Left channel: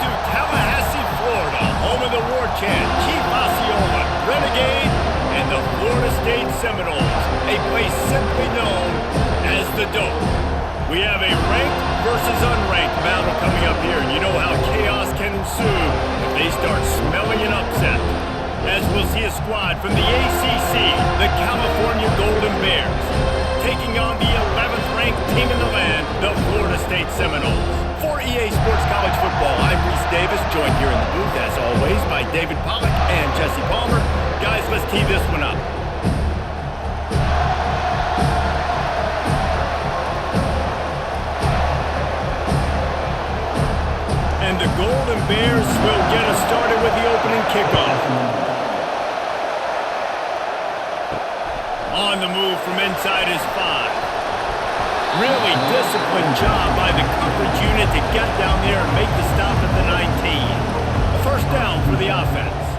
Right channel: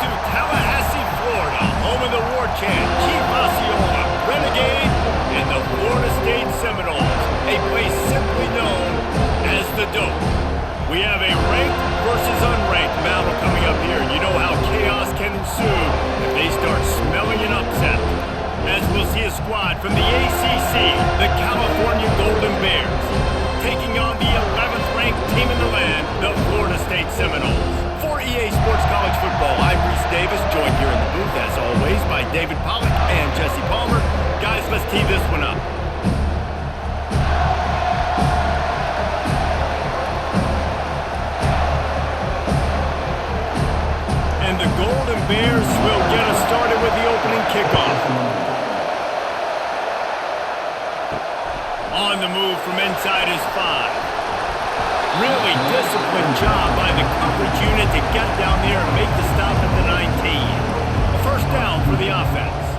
to Tallahassee, Florida, home of the War Chant, Chief Osceola, Renegade, and the Florida State Seminoles, a place simply known as the Dope. We have a ranked versus unranked battle coming up here, and you know how chaos can ensue if they start smelling an upset. As we'll see a squad from the ACC, the California Golden Bears, taking on the 11th ranked team in the land, the Florida State Seminoles. For EA Sports College Football, I'm Reese Davis, joined here in the booth, as always, by David Pollack and Jesse Palmer. Guys, let's tee this one up. And the Golden Bears will get us started with the opening kickoff. On the move from inside his 5. Really disciplined job by the coverage unit to get down there and make the stop at the 19. A first down for the offense.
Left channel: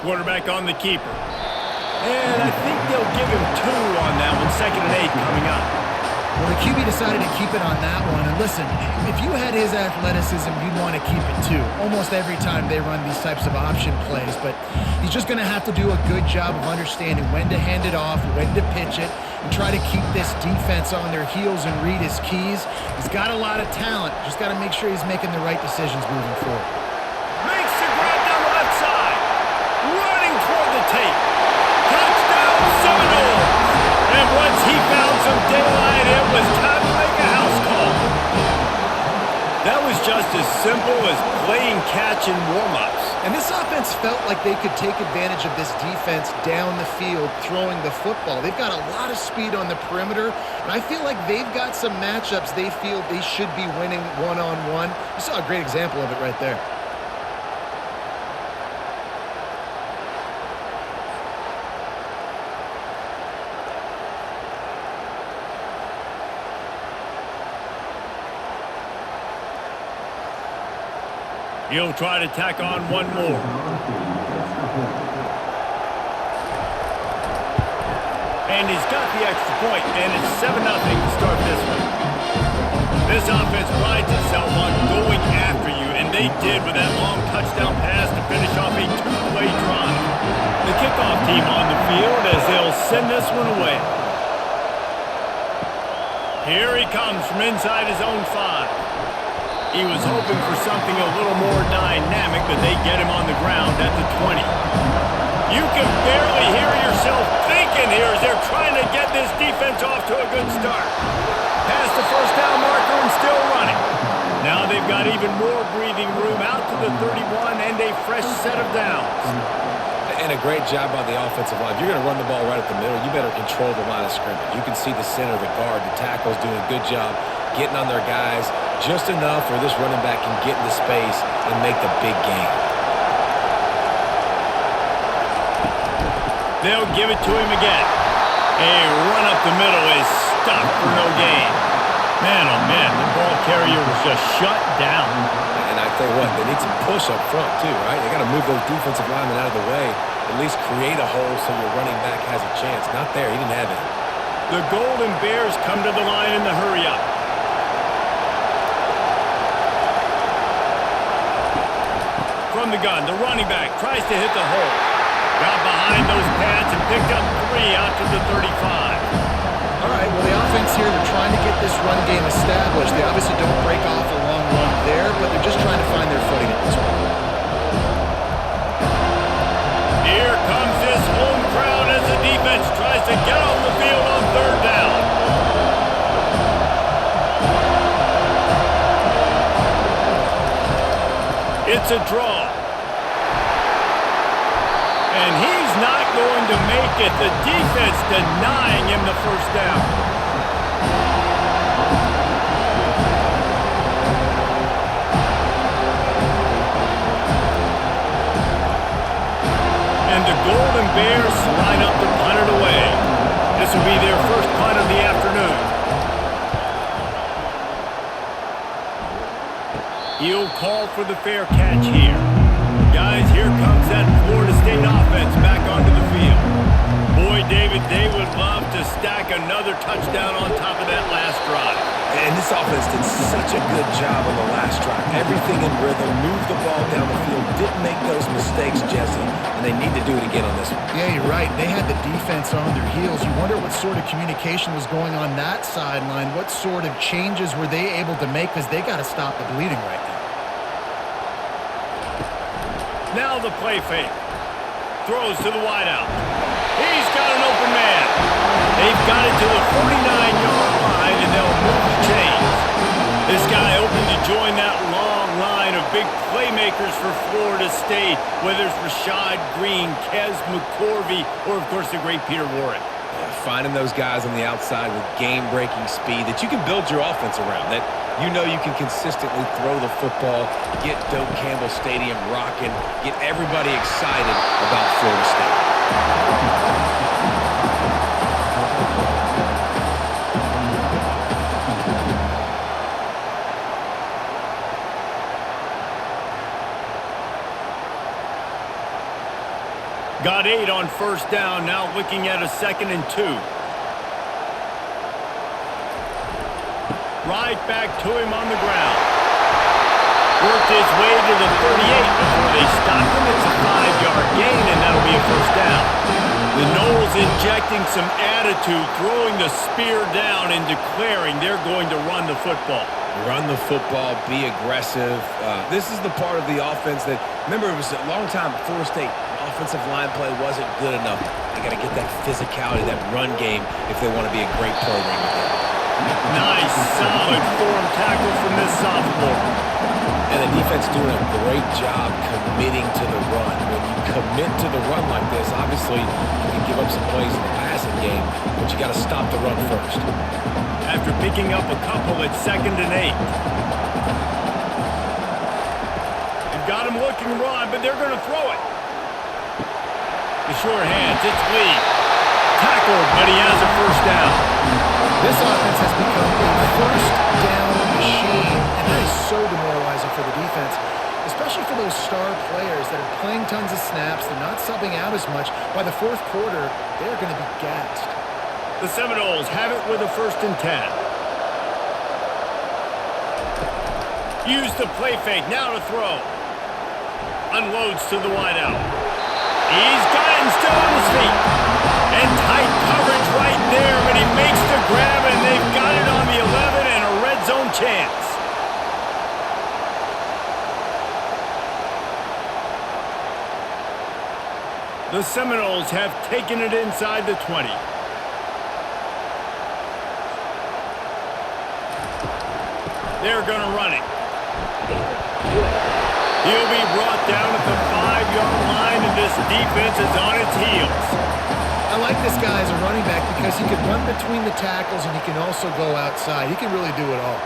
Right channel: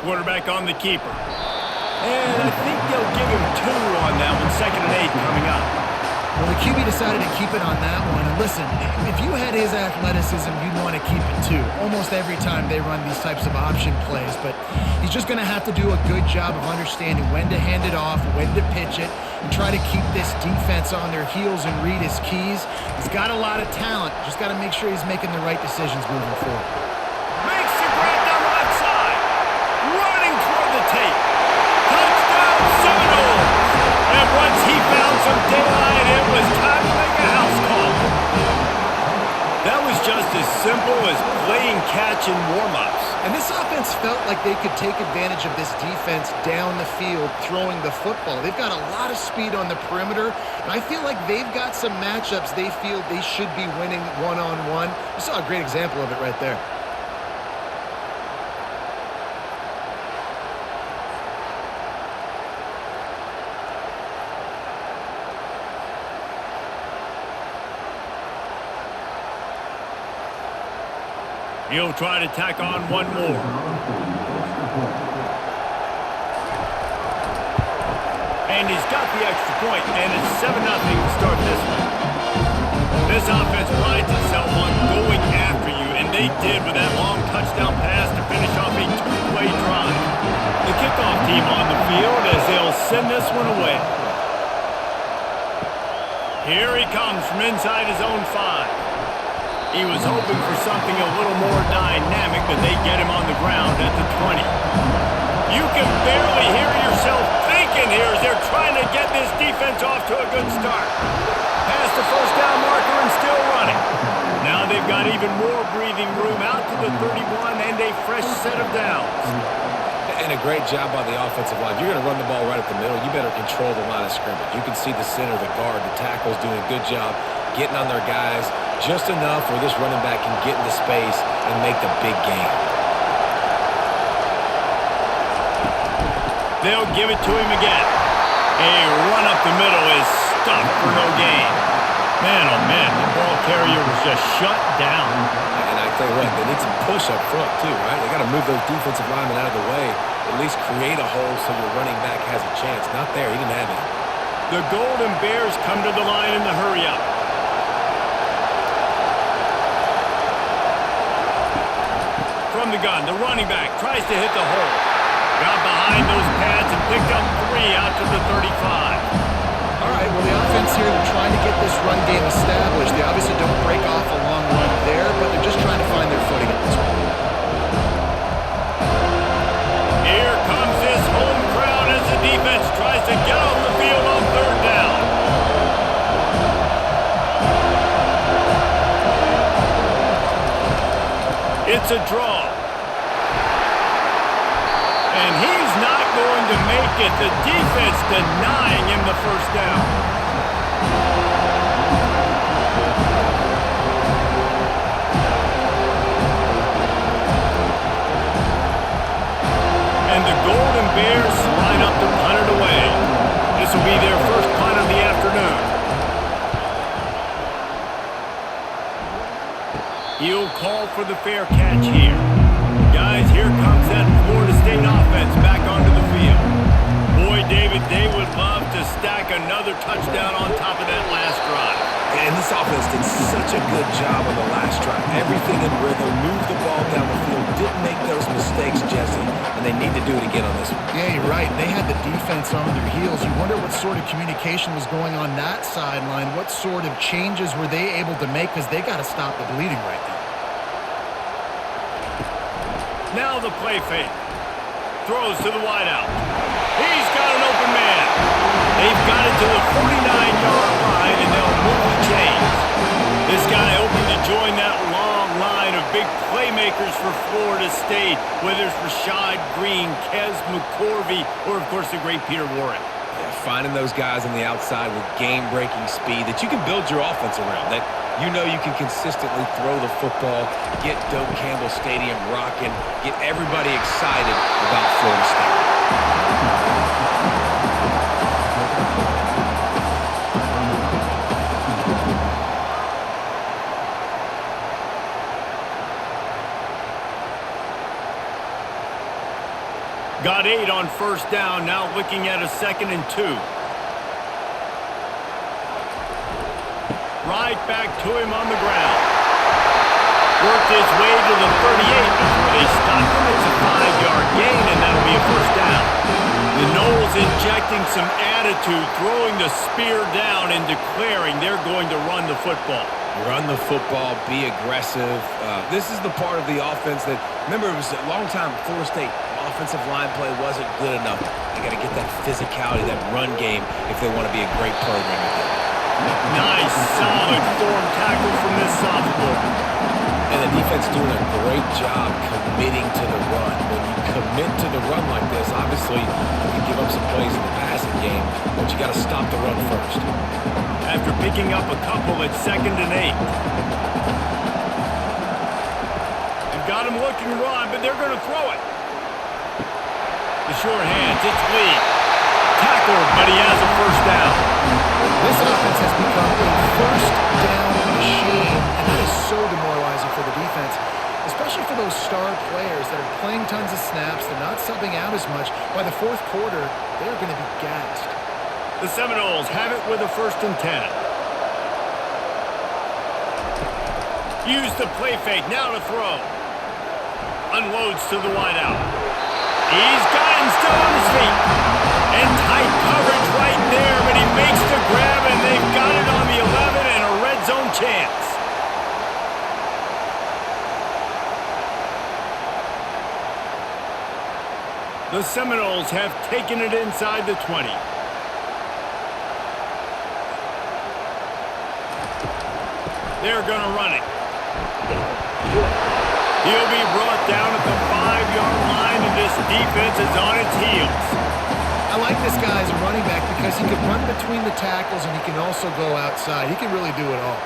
Quarterback on the keeper. And I think they'll give him 2 on that one, 2nd and 8 coming up. Well, the QB decided to keep it on that one. And listen, if you had his athleticism, you'd want to keep it too. Almost every time they run these types of option plays. But he's just going to have to do a good job of understanding when to hand it off, when to pitch it, and try to keep this defense on their heels and read his keys. He's got a lot of talent. Just got to make sure he's making the right decisions moving forward. Makes the grab down the left side. Running toward the tape. Touchdown Seminoles! And once he found some daylight, it was time to make a house call. That was just as simple as playing catch in warm-ups. And this offense felt like they could take advantage of this defense down the field throwing the football. They've got a lot of speed on the perimeter, and I feel like they've got some matchups they feel they should be winning one-on-one. You saw a great example of it right there. He'll try to tack on one more. And he's got the extra point, and it's 7-0 to start this one. This offense prides itself on going after you, and they did with that long touchdown pass to finish off a 2-play drive. The kickoff team on the field as they'll send this one away. Here he comes from inside his own 5. He was hoping for something a little more dynamic, but they get him on the ground at the 20. You can barely hear yourself thinking here as they're trying to get this defense off to a good start. Past the first down marker and still running. Now they've got even more breathing room out to the 31 and a fresh set of downs. And a great job by the offensive line. If you're going to run the ball right up the middle, you better control the line of scrimmage. You can see the center, the guard, the tackles doing a good job getting on their guys just enough where this running back can get into space and make the big game. They'll give it to him again. A run up the middle is stopped for no gain. Man, oh man, the ball carrier was just shut down. And I tell you what, they need some push up front too, right? They got to move those defensive linemen out of the way, at least create a hole so your running back has a chance. Not there, he didn't have it. The Golden Bears come to the line in the hurry-up. From the gun, the running back tries to hit the hole. Got behind those pads and picked up 3 out to the 35. All right, well, the offense here, they're trying to get this run game established. They obviously don't break off a long run there, but they're just trying to find their footing at this point. Here comes this home crowd as the defense tries to get off the field on 3rd down. It's a draw. And he's not going to make it. The defense denying him the first down. And the Golden Bears line up to punt it away. This will be their first punt of the afternoon. He'll call for the fair catch here. Guys, here comes that Florida State offense back onto the field. Boy, David, they would love to stack another touchdown on top of that last drive. And this offense did such a good job on the last drive. Everything in rhythm, moved the ball down the field, didn't make those mistakes, Jesse, and they need to do it again on this one. Yeah, you're right. They had the defense on their heels. You wonder what sort of communication was going on that sideline. What sort of changes were they able to make, because they got to stop the bleeding right now. Now the play fake. Throws to the wideout. He's got an open man. They've got it to the 49-yard line, and they'll move the chains. This guy open to join that long line of big playmakers for Florida State, whether it's Rashad Green, Kez McCorvey, or, of course, the great Peter Warrick. Yeah, finding those guys on the outside with game-breaking speed that you can build your offense around, that you know you can consistently throw the football, get Doak Campbell Stadium rocking, get everybody excited about Florida State. Got 8 on first down, now looking at a 2nd and 2. Right back to him on the ground. Worked his way to the 38 before they stopped him. It's a 5-yard gain, and that'll be a first down. The Noles injecting some attitude, throwing the spear down and declaring they're going to run the football. Run the football, be aggressive. This is the part of the offense that, remember, it was a long time, Florida State offensive line play wasn't good enough. They got to get that physicality, that run game, if they want to be a great program again. Nice, solid form tackle from this sophomore. And the defense doing a great job committing to the run. When you commit to the run like this, obviously you can give up some plays in the passing game, but you got to stop the run first. After picking up a couple at 2nd and 8. They've got him looking run, but they're going to throw it. The sure hands, it's Lee. Tackled, but he has a first down. This offense has become a first down machine, and that is so demoralizing for the defense, especially for those star players that are playing tons of snaps. They're not subbing out as much. By the fourth quarter, they're going to be gassed. The Seminoles have it with a 1st and 10. Use the play fake, now to throw. Unloads to the wideout. He's got it and still on his feet. And tight coverage right there, but he makes the grab, and they've got it on the 11 and a red zone chance. The Seminoles have taken it inside the 20. They're going to run it. He'll be brought down at the 5-yard line, and this defense is on its heels. I like this guy as a running back because he can run between the tackles and he can also go outside. He can really do it all.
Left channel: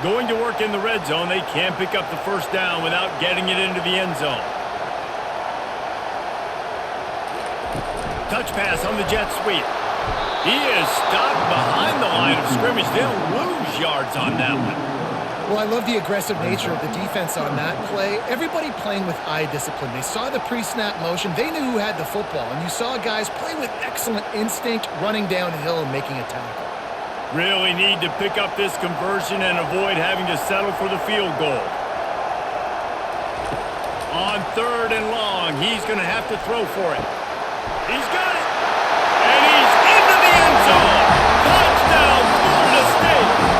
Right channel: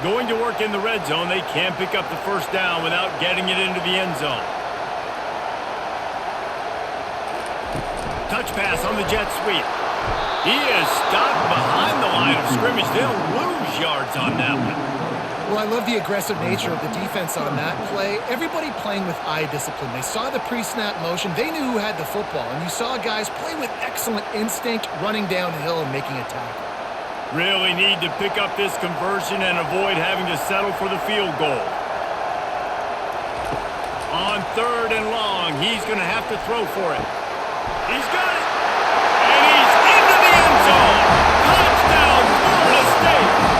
Going to work in the red zone. They can't pick up the first down without getting it into the end zone. Touch pass on the jet sweep. He is stopped behind the line of scrimmage. They'll lose yards on that one. Well, I love the aggressive nature of the defense on that play. Everybody playing with eye discipline. They saw the pre-snap motion. They knew who had the football. And you saw guys play with excellent instinct, running downhill and making a tackle. Really need to pick up this conversion and avoid having to settle for the field goal. On 3rd and long, he's going to have to throw for it. He's got it. And he's into the end zone. Touchdown, Florida State.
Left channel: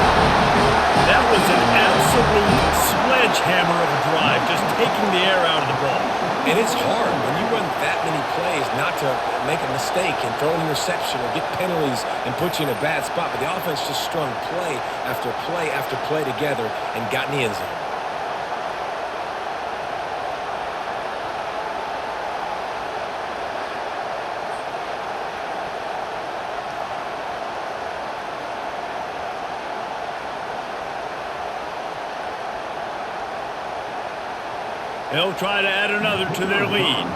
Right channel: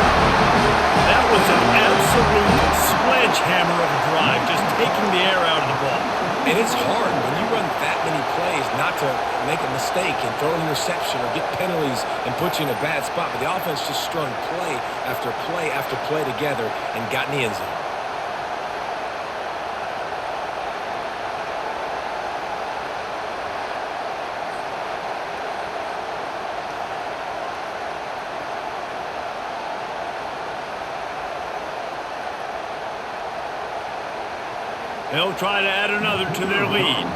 That was an absolute sledgehammer of a drive, just taking the air out of the ball. And it's hard when you run that many plays not to make a mistake and throw an interception or get penalties and put you in a bad spot. But the offense just strung play after play after play together and got in the end zone. They'll try to add another to their lead.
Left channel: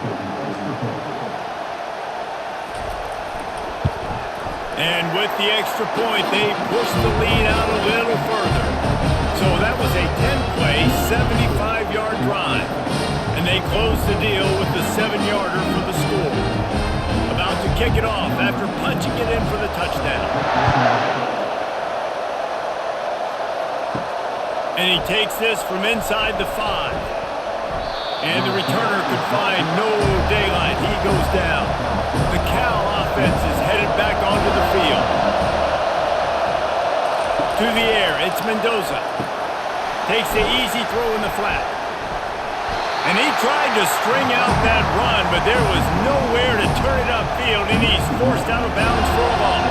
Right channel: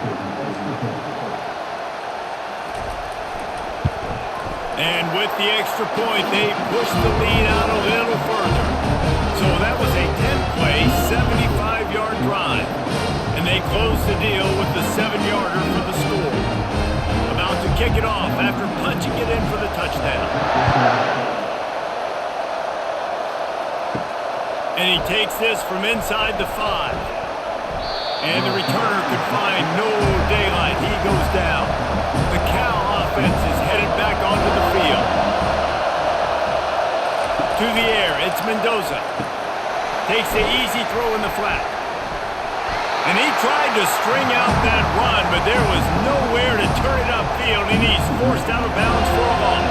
And with the extra point, they push the lead out a little further. So that was a 10-play, 75-yard drive. And they close the deal with the 7-yarder for the score. About to kick it off after punching it in for the touchdown. And he takes this from inside the 5. And the returner could find no daylight. He goes down. The Cal offense is headed back onto the field. To the air, it's Mendoza. Takes the easy throw in the flat. And he tried to string out that run, but there was nowhere to turn it upfield, and he's forced out of bounds for a loss.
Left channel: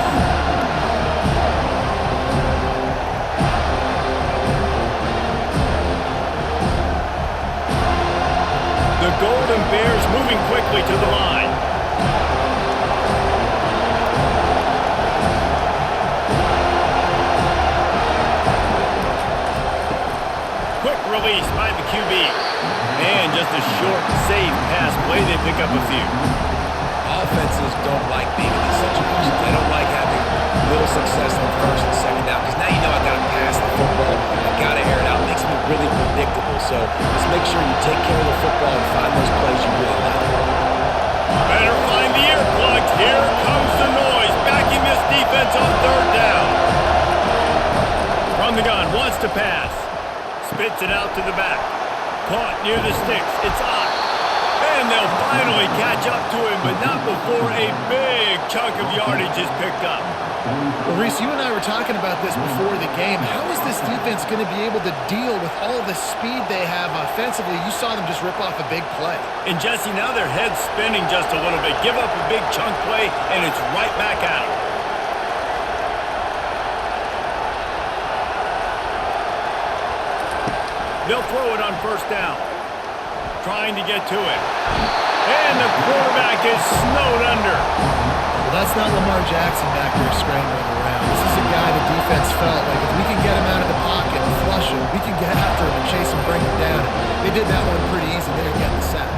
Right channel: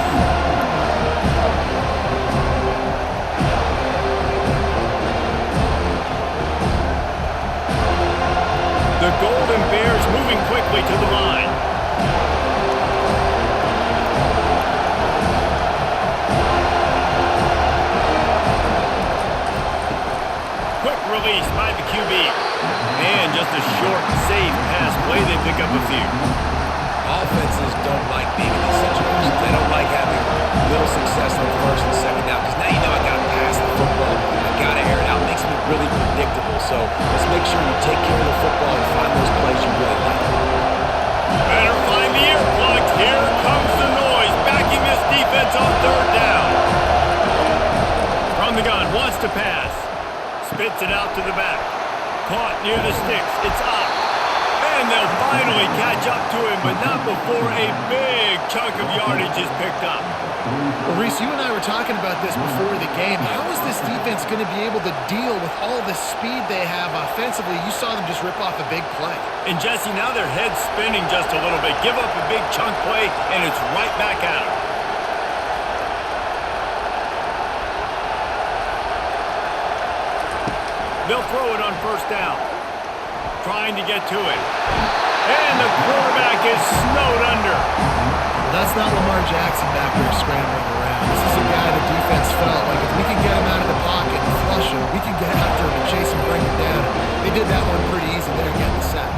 The Golden Bears moving quickly to the line. Quick release by the QB. And just a short, safe pass play. They pick up a few. Offenses don't like being in these situations. They don't like having little success on first and second down because now you know I got to pass the football. I got to air it out. It makes me really predictable. So let's make sure you take care of the football and find those plays you really like. Better find the earplugs. Here comes the noise, backing this defense on 3rd down. From the gun, wants to pass. Spits it out to the back. Caught near the sticks. It's Ott. And they'll finally catch up to him, but not before a big chunk of yardage is picked up. Well, Reese, you and I were talking about this before the game. How is this defense going to be able to deal with all the speed they have offensively? You saw them just rip off a big play. And, Jesse, now their head's spinning just a little bit. Give up a big chunk play, and it's right back at them. They'll throw it on 1st down. Trying to get to it. And the quarterback is snowed under. Well, that's not Lamar Jackson back there scrambling around. This is a guy the defense felt like if we can get him out of the pocket and flush him, we can get after him and chase him, bring him down. And they did that one pretty easy there, getting the sack.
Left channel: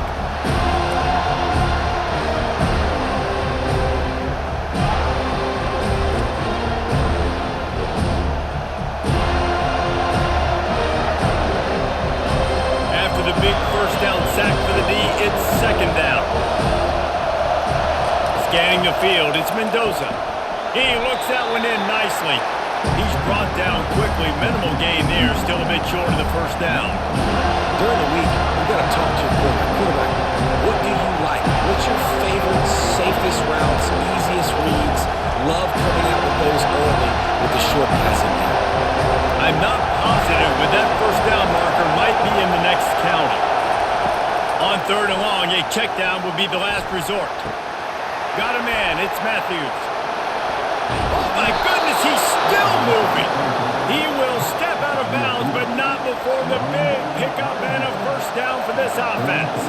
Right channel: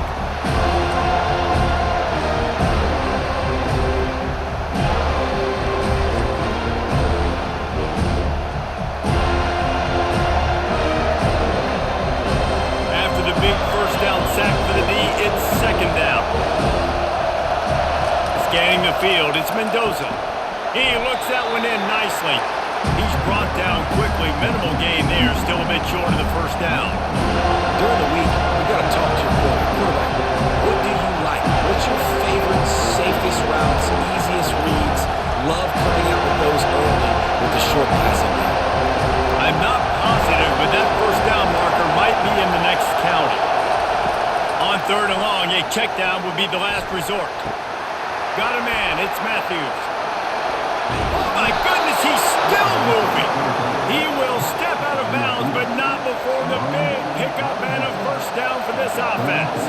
The big 1st down sack for the D, it's 2nd down. Scanning the field, it's Mendoza. He looks that one in nicely. He's brought down quickly. Minimal gain there, still a bit short of the 1st down. During the week, you got to talk to your quarterback. Quarterback, what do you like? What's your favorite, safest routes, easiest reads? Love coming out with those early with the short passing game. I'm not positive, but that 1st down marker might be in the next county. On 3rd and long, a check down would be the last resort. Got a man, it's Matthews. Oh my goodness, he's still moving. He will step out of bounds, but not before the big pickup and a 1st down for this offense.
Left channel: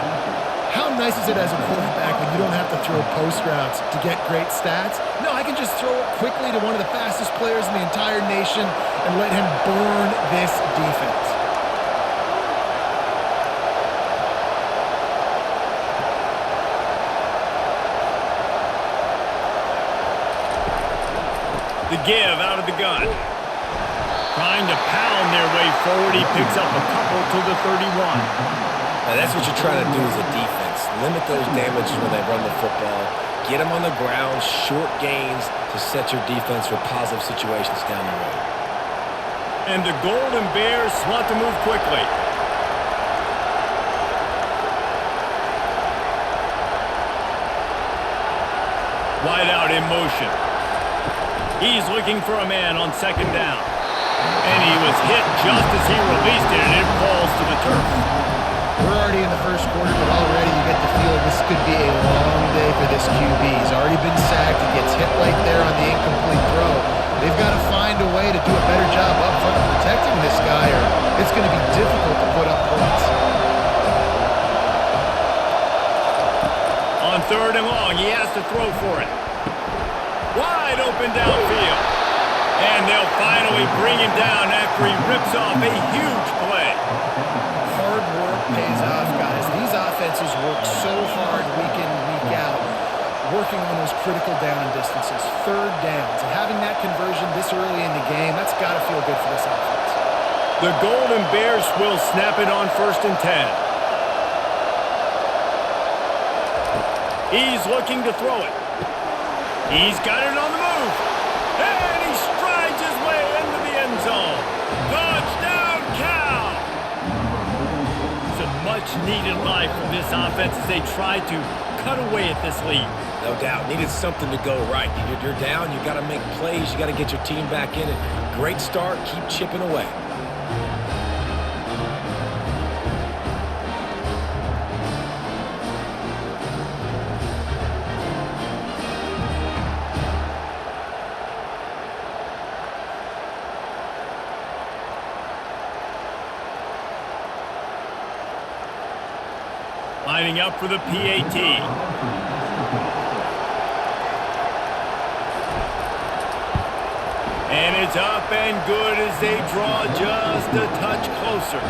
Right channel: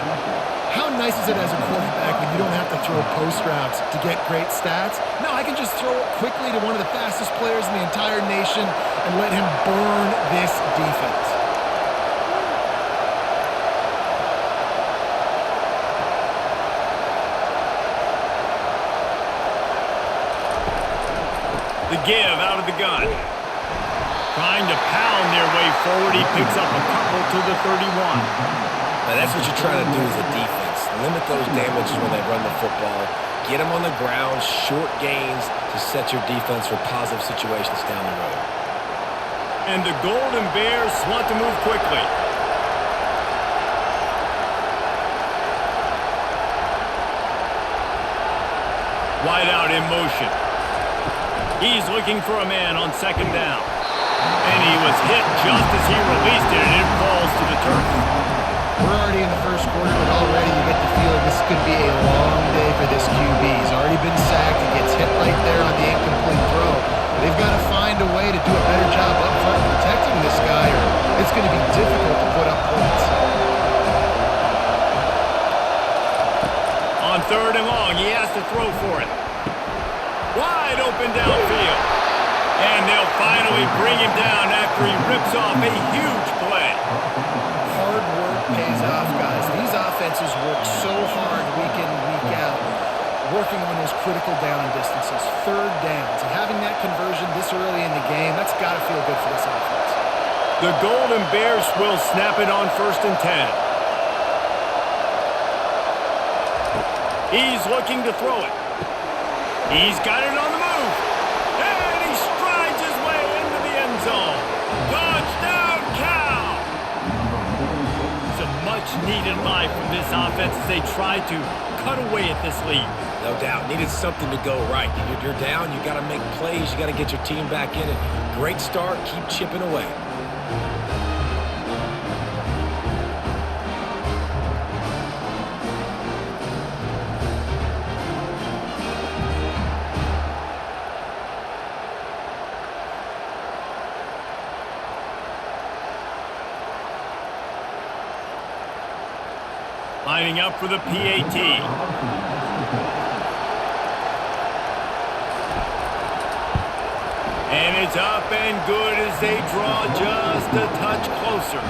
How nice is it as a quarterback when you don't have to throw post routes to get great stats? No, I can just throw it quickly to one of the fastest players in the entire nation and let him burn this defense. The give out of the gun. Trying to pound their way forward. He picks up a couple to the 31. Now, that's what you're trying to do as a defense. Limit those damages when they run the football. Get them on the ground, short gains to set your defense for positive situations down the road. And the Golden Bears want to move quickly. Wide out in motion. He's looking for a man on 2nd down. And he was hit just as he released it, and it falls to the turf. We're already in the 1st quarter, but already you get the feeling this could be a long day for this QB. He's already been sacked. He gets hit right there on the incomplete throw. They've got to find a way to do a better job up front of protecting this guy, or it's going to be difficult to put up points. On 3rd and long, he has to throw for it. Wide open downfield. And they'll finally bring him down after he rips off a huge play. Hard work pays off, guys. These offenses work so hard week in, week out, working on those critical down and distances, 3rd downs, and having that conversion this early in the game, that's got to feel good for this offense. The Golden Bears will snap it on 1st and 10. He's looking to throw it. He's got it on the move. And he strides his way into the end zone. Touchdown, Cal! It's a much-needed life from this offense as they try to cut away at this lead. No doubt. Needed something to go right. You're down. You got to make plays. You got to get your team back in it. Great start. Keep chipping away. Lining up for the PAT. And it's up and good as they draw just a touch closer.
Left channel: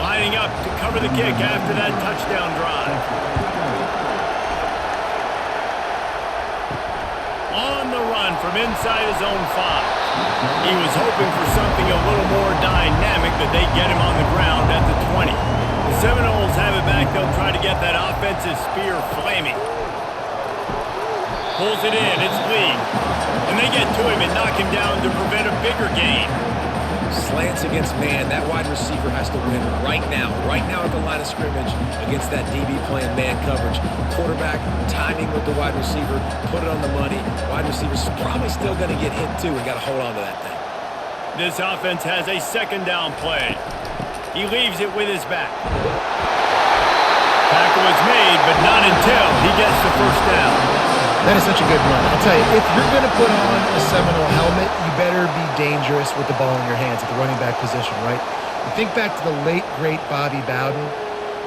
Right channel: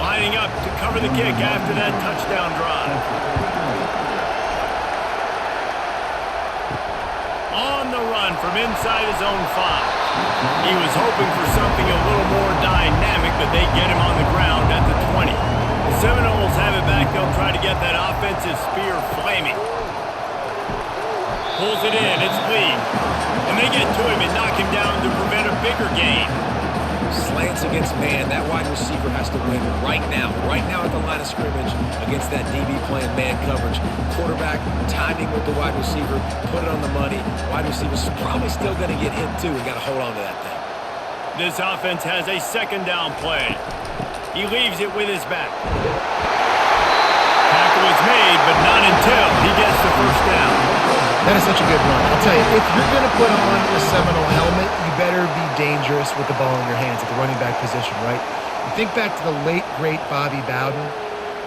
Lining up to cover the kick after that touchdown drive. On the run from inside his own 5. He was hoping for something a little more dynamic, but they get him on the ground at the 20. The Seminoles have it back. They'll try to get that offensive spear flaming. Pulls it in. It's Lee. And they get to him and knock him down to prevent a bigger gain. Slants against man. That wide receiver has to win right now at the line of scrimmage against that DB playing man coverage. Quarterback, timing with the wide receiver, put it on the money. Wide receiver's probably still going to get hit too and got to hold on to that thing. This offense has a second down play. He leaves it with his back. Tackle is made, but not until he gets the first down. That is such a good run. I'll tell you, if you're going to put on a Seminole helmet, you better be dangerous with the ball in your hands at the running back position, right? You think back to the late, great Bobby Bowden.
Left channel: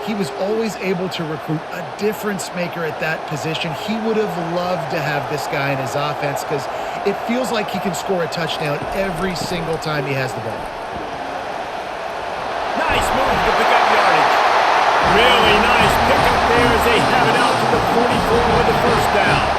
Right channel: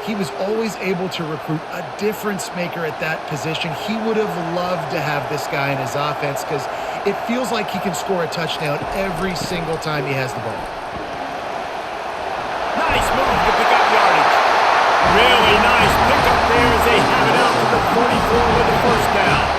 He was always able to recruit a difference maker at that position. He would have loved to have this guy in his offense because it feels like he can score a touchdown every single time he has the ball. Nice move to pick up yardage. Really nice pickup there as they have it out to the 44 with the first down.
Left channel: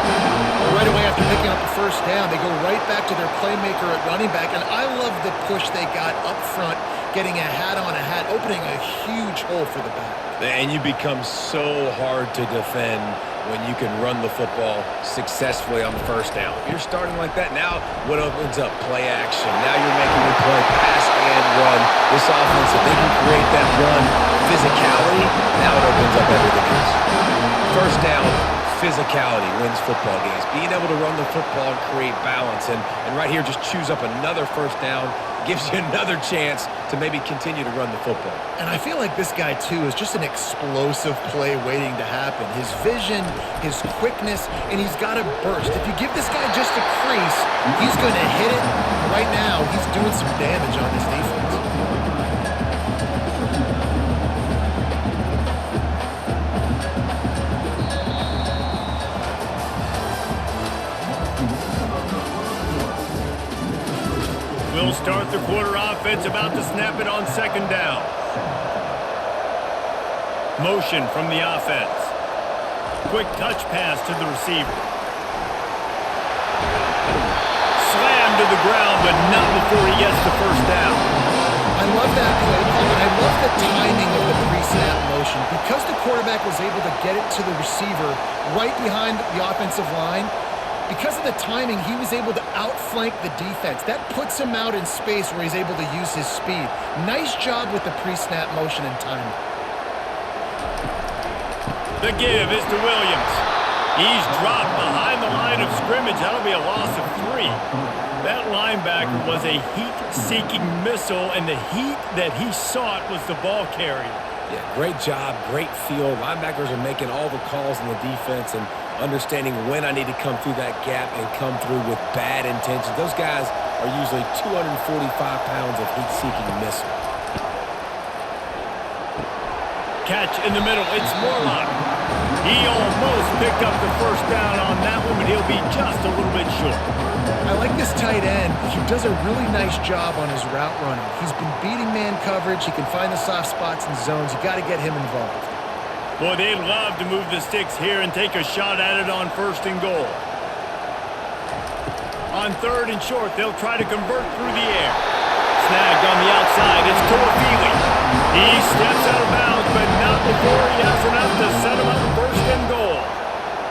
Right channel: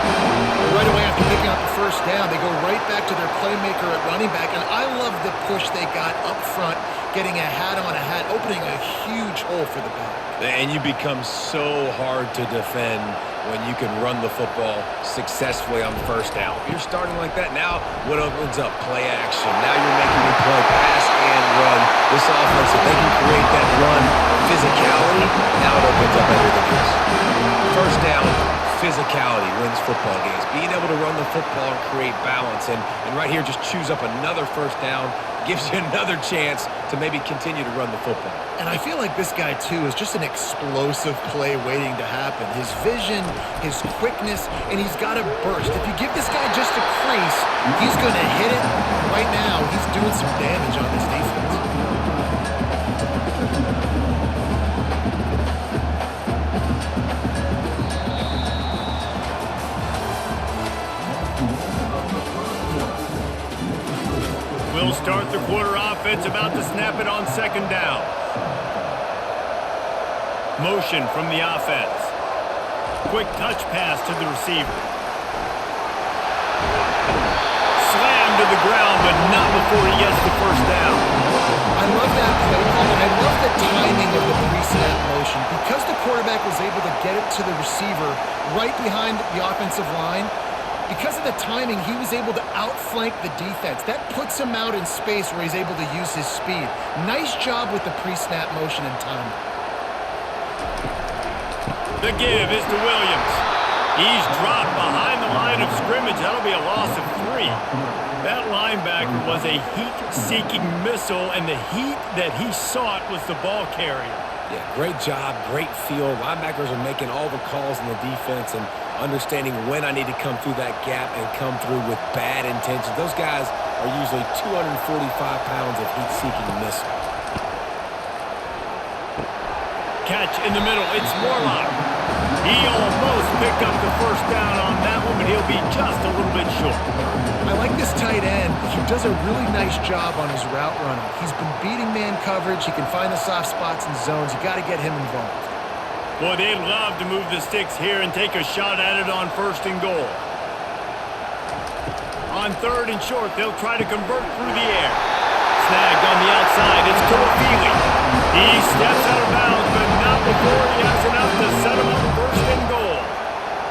Right away after picking up the first down, they go right back to their playmaker at running back, and I love the push they got up front, getting a hat on a hat, opening a huge hole for the back. And you become so hard to defend when you can run the football successfully on first down. If you're starting like that, now what opens up? Play action. Now you're making me play pass and run. This offense, if they can create that run physicality, now it opens up everything else. First down, physicality wins football games. Being able to run the football and create balance. And right here, just choose up another first down, gives you another chance to maybe continue to run the football. And I feel like this guy, too, is just an explosive play waiting to happen. His vision, his quickness, and he's got a burst. If you give this guy just a crease, he's going to hit it. And right now, he's doing some damage on this defense. We'll start the quarter offense, about to snap it on second down. Motion from the offense. Quick touch pass to the receiver. Slam to the ground, but not before he gets the first down. I love that play call, and I love the timing of the pre-snap motion. Because the quarterback was able to get it to the receiver right behind the offensive line, because of the timing, he was able to outflank the defense. That puts him out in space where he's able to use his speed. Nice job with the pre-snap motion and timing. The give is to Williams. He's dropped behind the line of scrimmage. That'll be a loss of 3. That linebacker was a heat-seeking missile, and the heat that he sought was the ball carrier. Yeah, great job, great feel. Linebackers are making all the calls in the defense and understanding when I need to come through that gap and come through with bad intentions. Those guys are usually 245 pounds of heat-seeking missile. Catch in the middle. It's Morlock. He almost picked up the first down on that one, but he'll be just a little bit short. I like this tight end. He does a really nice job on his route running. He's been beating man coverage. He can find the soft spots and zones. You got to get him involved. Boy, they'd love to move the sticks here and take a shot at it on first and goal. On third and short, they'll try to convert through the air. snagged on the outside. It's Toafili. He steps out of bounds, but not before he has enough to set him up first and goal.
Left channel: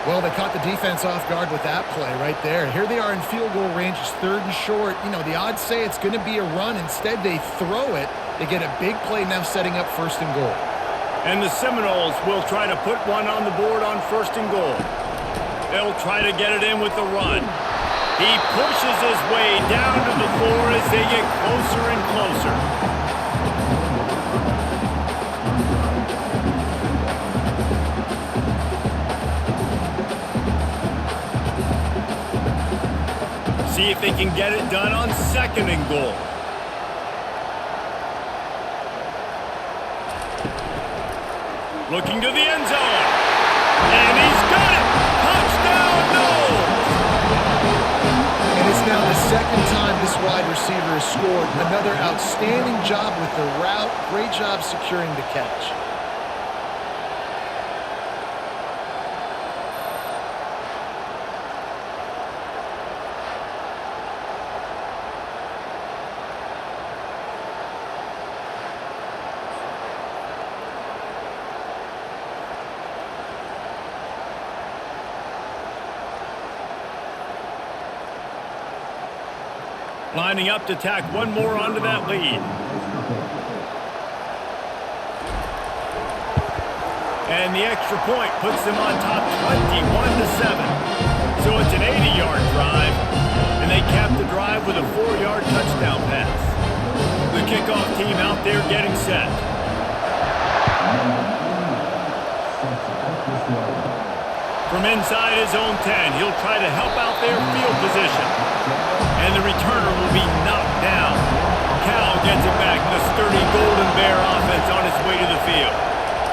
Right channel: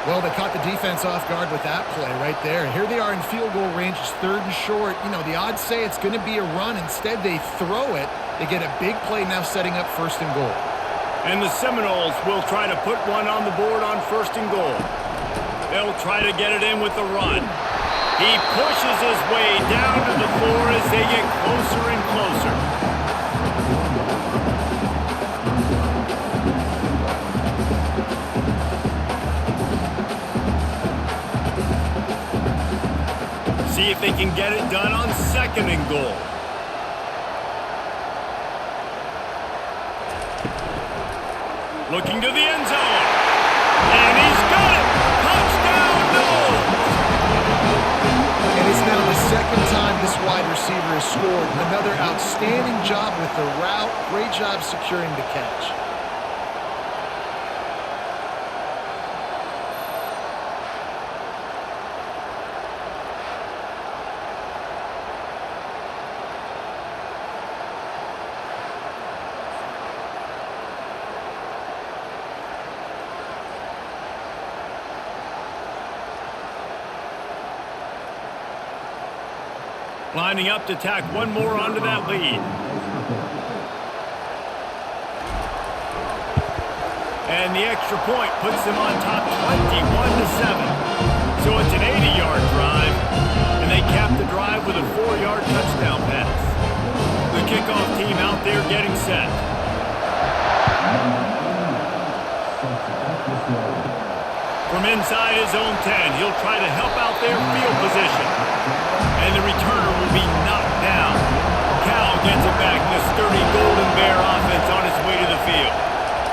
Well, they caught the defense off guard with that play right there. Here they are in field goal range. It's 3rd and short. You know, the odds say it's going to be a run. Instead, they throw it. They get a big play now setting up 1st and goal. And the Seminoles will try to put one on the board on 1st and goal. They'll try to get it in with the run. He pushes his way down to the floor as they get closer and closer. See if they can get it done on 2nd and goal. Looking to the end zone. And he's got it! Touchdown, Noles! And it's now the 2nd time this wide receiver has scored. Another outstanding job with the route. Great job securing the catch. Lining up to tack one more onto that lead. And the extra point puts them on top 21-7. So it's an 80-yard drive, and they cap the drive with a 4-yard touchdown pass. The kickoff team out there getting set. From inside his own 10, he'll try to help out their field position. And the returner will be knocked down. Cal gets it back. The sturdy Golden Bear offense on its way to the field.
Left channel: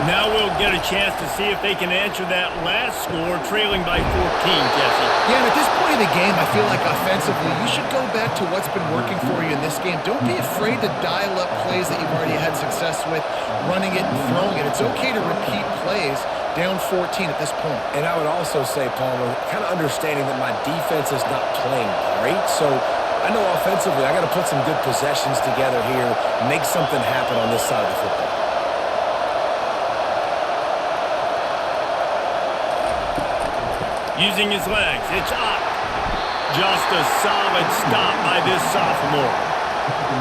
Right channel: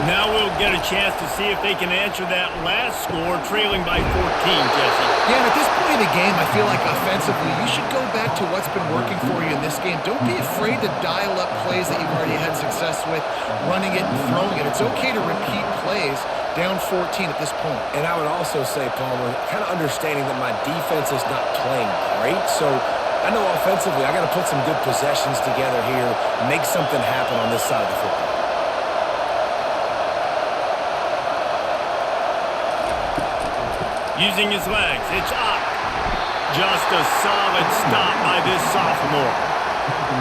Now we'll get a chance to see if they can answer that last score, trailing by 14, Jesse. Yeah, and at this point of the game, I feel like offensively, you should go back to what's been working for you in this game. Don't be afraid to dial up plays that you've already had success with, running it and throwing it. It's okay to repeat plays down 14 at this point. And I would also say, Palmer, kind of understanding that my defense is not playing great, so I know offensively I got to put some good possessions together here, make something happen on this side of the football. Using his legs, it's Ott. Just a solid stop by this sophomore.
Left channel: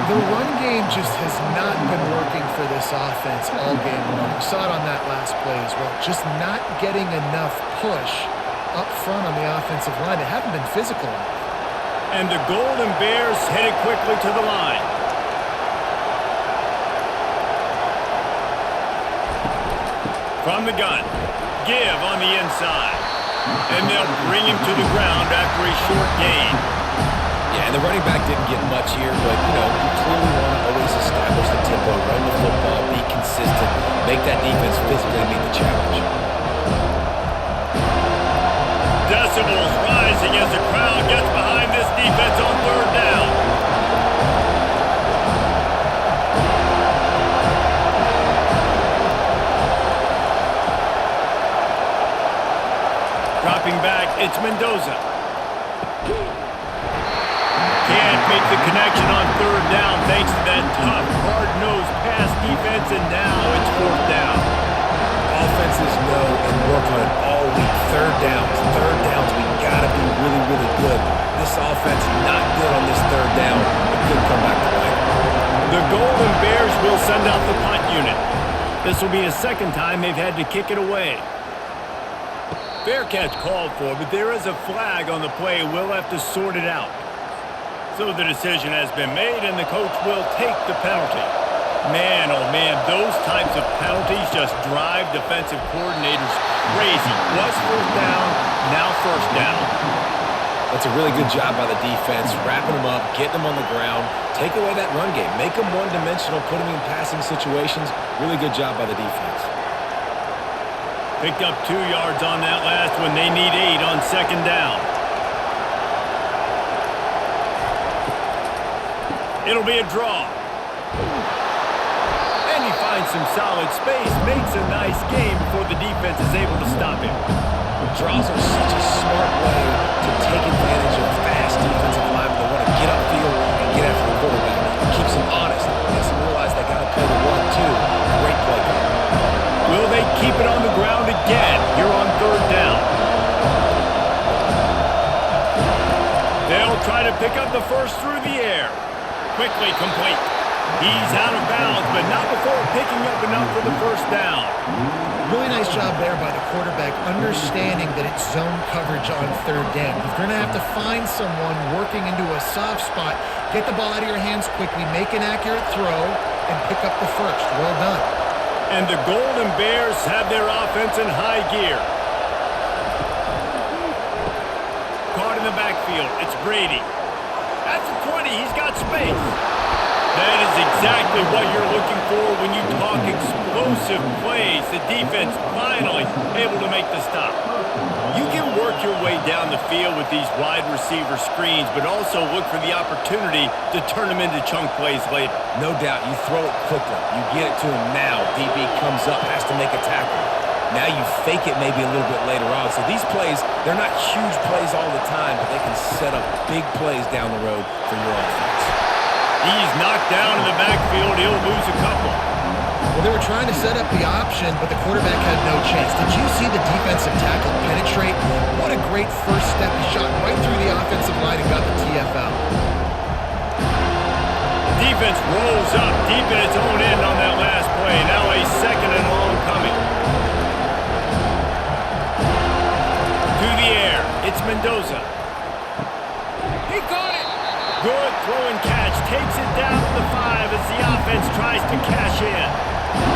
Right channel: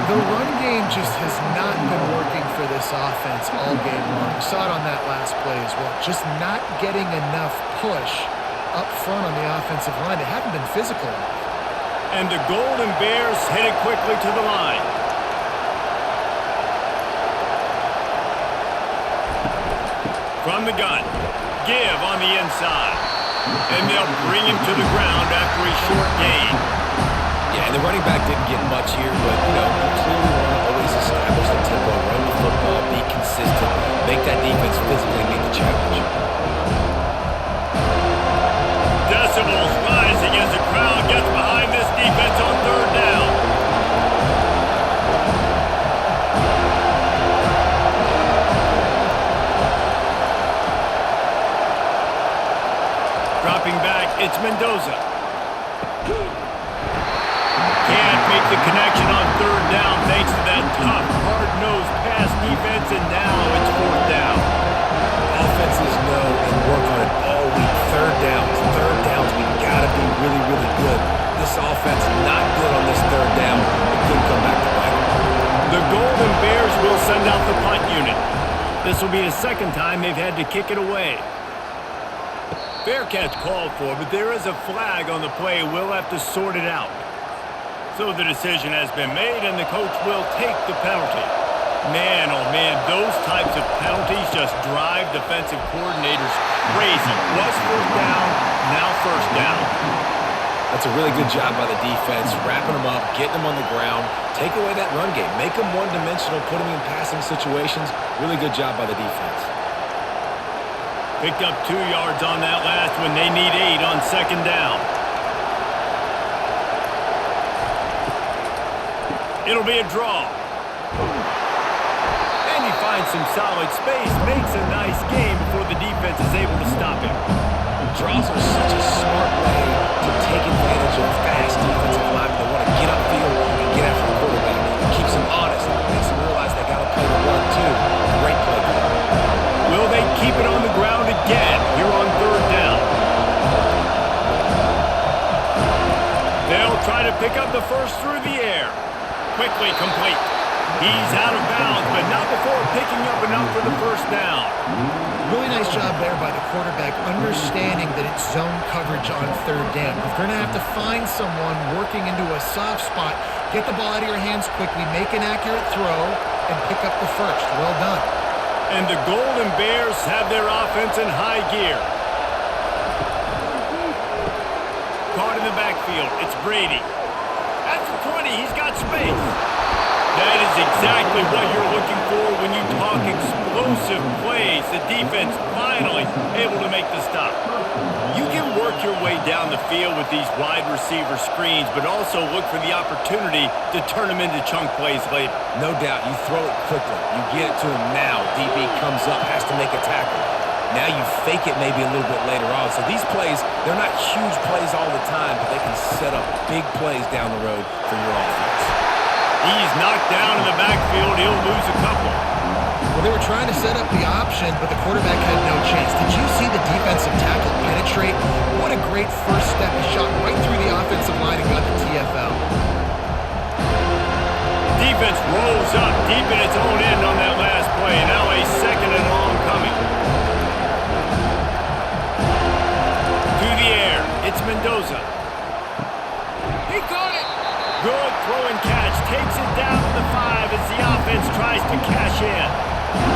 The run game just has not been working for this offense all game long. We saw it on that last play as well. Just not getting enough push up front on the offensive line. They haven't been physical enough. And the Golden Bears headed quickly to the line. From the gun, give on the inside. And they'll bring him to the ground after a short gain. Yeah, and the running back didn't get much here, but, you know, you clearly want to always establish the tempo, run the football, be consistent, make that defense physically meet the challenge. Decibels rising as the crowd gets behind this defense on 3rd down. Dropping back, it's Mendoza. Can't make the connection on 3rd down thanks to that tough, hard-nosed pass defense, and now it's 4th down. Offenses know and work on it all week. 3rd downs, we got to be really, really good. This offense not good on this 3rd down. It could come back to bite. The Golden Bears will send out the punt unit. This will be the 2nd time they've had to kick it away. Fair catch called for, but there is a flag on the play. We'll have to sort it out. So the decision has been made, and the coach will take the penalty. Man, oh man, those types of penalties just drive defensive coordinators crazy. Was 4th down, now 1st down. That's a really good job by the defense, wrapping them up, getting them on the ground, take away that run game, make them one-dimensional, put them in passing situations. Really good job by the defense. Picked up 2 yards on that last one. They need 8 on 2nd down. It'll be a draw. And he finds some solid space, makes a nice game before the defense is able to stop him. Draws are such a smart way to take advantage of fast defensive linemen that want to get upfield and get after the quarterback. It keeps them honest. It makes them realize they got to play the run, too. Great play call. Will they keep it on the ground again here on third down? They'll try to pick up the first through the air. Quickly complete. He's out of bounds, but not before picking up enough for the first down. Really nice job there by the quarterback, understanding that it's zone coverage on third down. You're going to have to find someone working into a soft spot, get the ball out of your hands quickly, make an accurate throw, and pick up the first. Well done. And the Golden Bears have their offense in high gear. Caught in the backfield. It's Brady. That's the 20. He's got space. That is exactly what you're looking for when you talk explosive plays. The defense finally able to make the stop. You can work your way down the field with these wide receiver screens, but also look for the opportunity to turn them into chunk plays later. No doubt. You throw it quickly. You get it to him now. DB comes up, has to make a tackle. Now you fake it maybe a little bit later on. So these plays, they're not huge plays all the time, but they can set up big plays down the road for your offense. He's knocked down in the backfield. He'll lose a couple. Well, they were trying to set up the option, but the quarterback had no chance. Did you see the defensive tackle penetrate? What a great first step. He shot right through the offensive line and got the TFL. Defense rolls up deep in its own end on that last play. Now a second and long coming. To the air. It's Mendoza. He caught it. Good throw and catch. Takes it down to the 5 as the offense tries to cash in.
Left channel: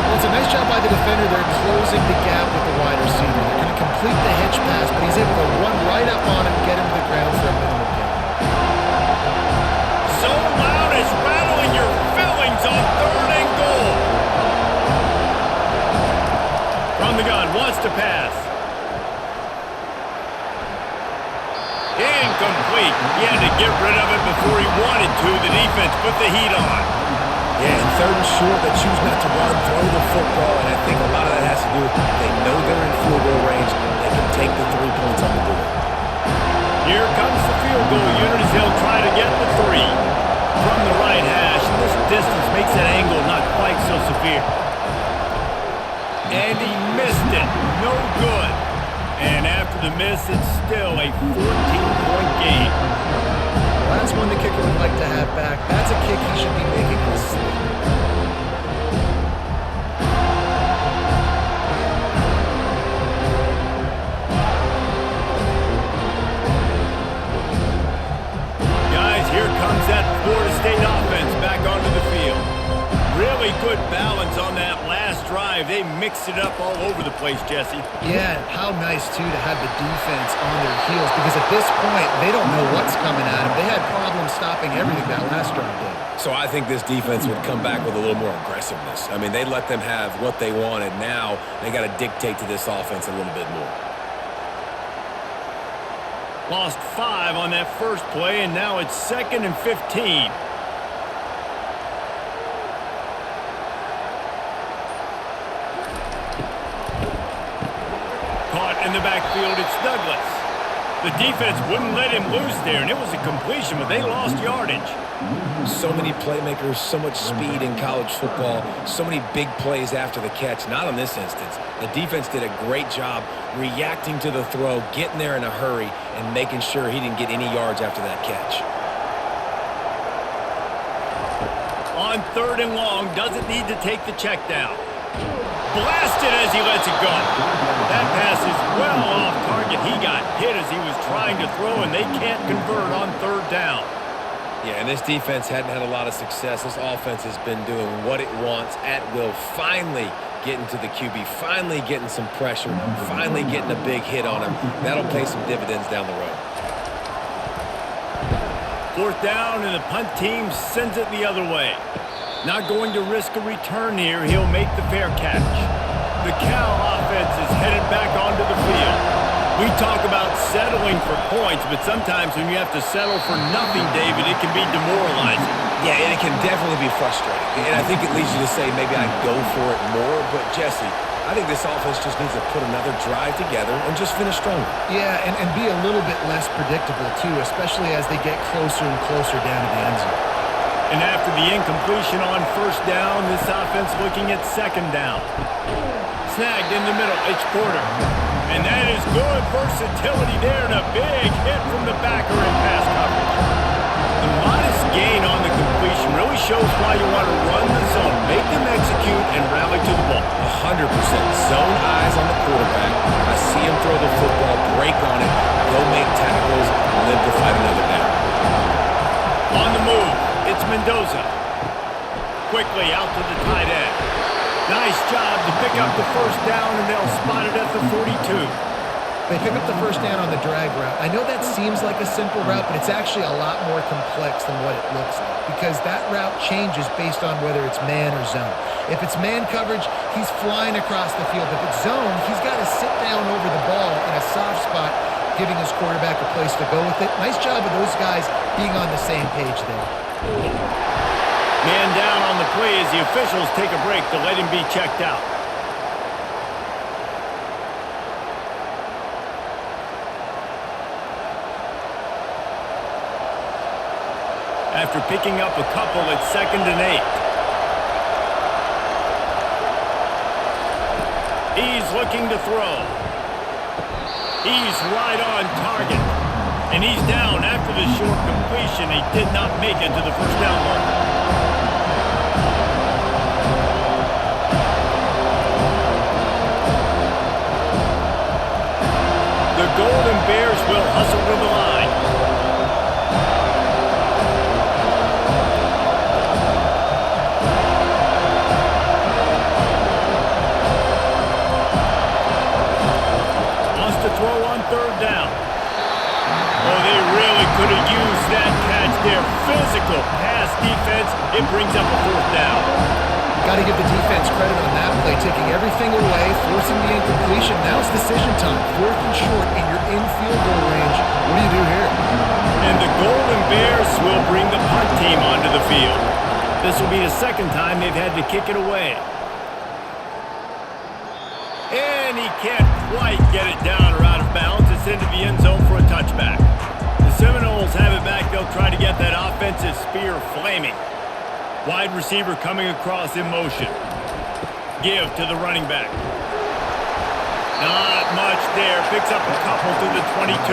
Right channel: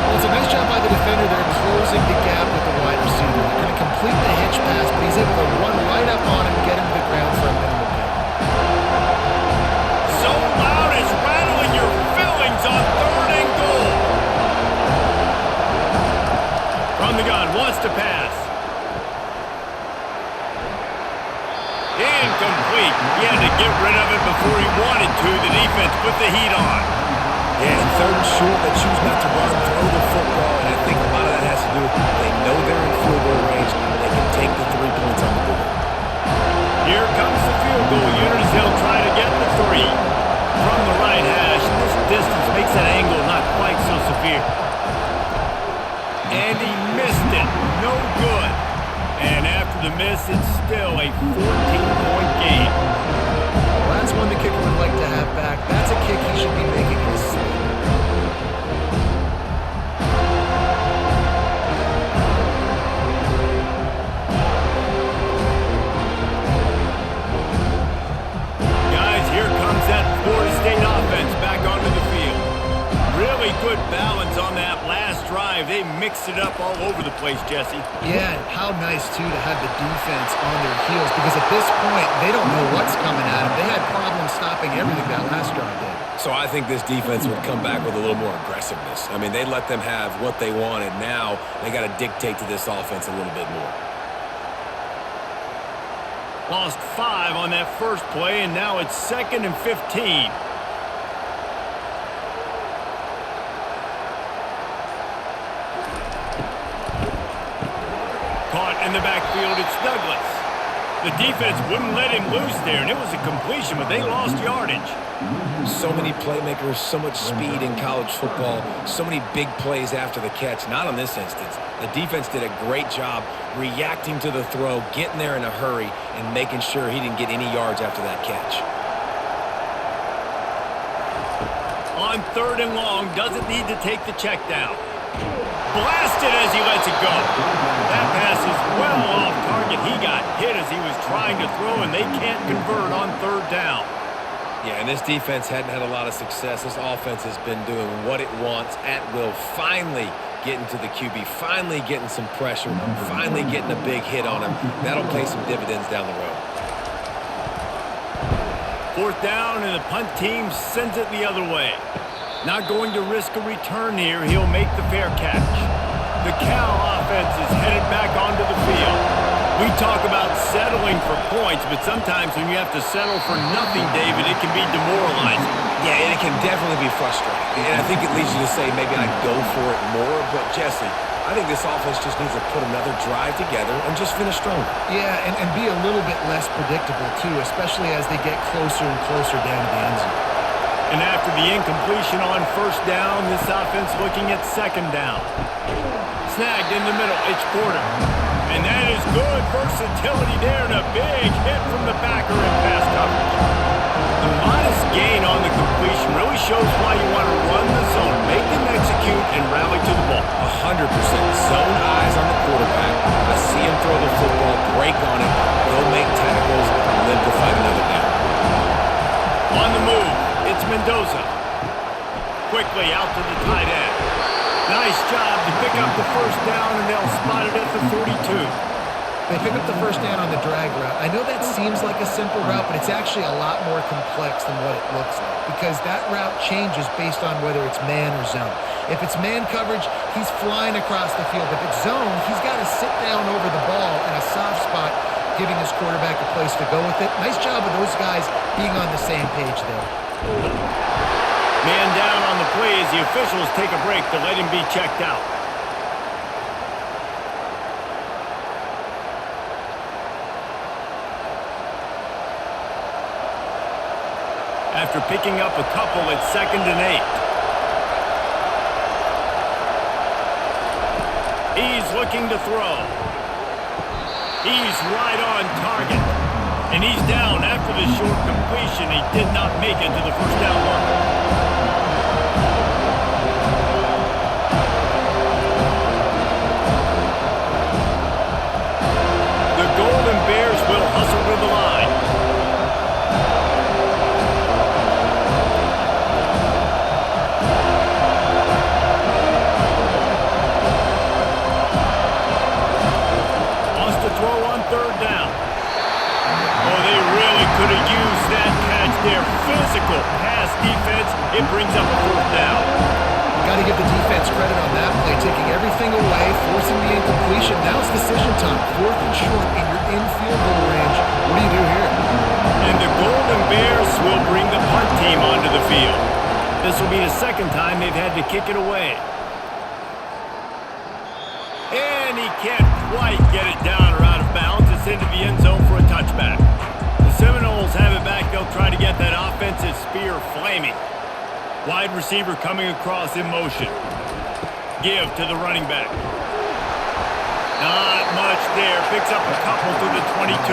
Well, it's a nice job by the defender. They're closing the gap with the wide receiver. They're going to complete the hitch pass, but he's able to run right up on him, get him to the ground for a minimal gain. So loud it's rattling your fillings on third and goal. From the gun, wants to pass. Incomplete. He had to get rid of it before he wanted to. The defense put the heat on. Yeah, and third and short, they choose not to run, throw the football, and I think a lot of that has to do with they know they're in field goal range. They can take the 3 points on the board. Here comes the field goal unit as they'll try to get the 3. From the right hash, this distance makes that angle not quite so severe. And he missed it. No good. And after the miss, it's still a 14-point game. Well, that's one the kicker would like to have back. That's a kick he should be making in his sleep. Guys, here comes that Florida State offense back onto the field. Really good balance on that last drive. They mixed it up all over the place, Jesse. Yeah, how nice, too, to have the defense on their heels, because at this point, they don't know what's coming at them. They had problems stopping everything that last drive did. So I think this defense would come back with a little more aggressiveness. I mean, they let them have what they wanted. Now they got to dictate to this offense a little bit more. Lost 5 on that first play, and now it's 2nd and 15. Caught in the backfield, it's Douglas. The defense wouldn't let him loose there, and it was a completion, but they lost yardage. So many playmakers, so much speed in college football, so many big plays after the catch. Not in this instance. The defense did a great job reacting to the throw, getting there in a hurry, and making sure he didn't get any yards after that catch. On 3rd and long, doesn't need to take the check down. Blasted as he lets it go. That pass is well off target. He got hit as he was trying to throw, and they can't convert on 3rd down. Yeah, and this defense hadn't had a lot of success. This offense has been doing what it wants at will. Finally getting to the QB, finally getting some pressure, finally getting a big hit on him. That'll pay some dividends down the road. 4th down, and the punt team sends it the other way. Not going to risk a return here. He'll make the fair catch. The Cal offense is headed back onto the field. We talk about settling for points, but sometimes when you have to settle for nothing, David, it can be demoralizing. Yeah, and it can definitely be frustrating. And I think it leads you to say maybe I go for it more. But, Jesse, I think this offense just needs to put another drive together and just finish stronger. Yeah, and be a little bit less predictable, too, especially as they get closer and closer down to the end zone. And after the incompletion on first down, this offense looking at second down. Snagged in the middle, it's Porter. And that is good versatility there and a big hit from the backer in pass coverage. The modest gain on the completion really shows why you want to run the zone, make them execute, and rally to the ball. 100% zone eyes on the quarterback. I see him throw the football, break on it, go make tackles, live to fight another down. On the move, it's Mendoza. Quickly out to the tight end. Nice job to pick up the first down, and they'll spot it at the 42. They pick up the first down on the drag route. I know that seems like a simple route, but it's actually a lot more complex than what it looks like because that route changes based on whether it's man or zone. If it's man coverage, he's flying across the field. If it's zone, he's got to sit down over the ball in a soft spot, giving his quarterback a place to go with it. Nice job of those guys being on the same page there. Man down on the play as the officials take a break to let him be checked out. After picking up a couple, it's 2nd and 8. He's looking to throw. He's right on target. And he's down after the short completion. He did not make it to the first down marker. The Golden Bears will hustle to the line. Wants to throw on 3rd down. Oh, they really could have used that catch there. Physical pass defense. It brings up a 4th down. Got to give the defense credit on that play, taking everything away, forcing the incompletion. Now it's decision time. 4th and short, and you're in field goal range. What do you do here? And the Golden Bears will bring the punt team onto the field. This will be the 2nd time they've had to kick it away. And he can't quite get it down or out of bounds. It's into the end zone for a touchback. The Seminoles have it back. They'll try to get that offensive spear flaming. Wide receiver coming across in motion. Give to the running back. Not much there. Picks up a couple to the 22.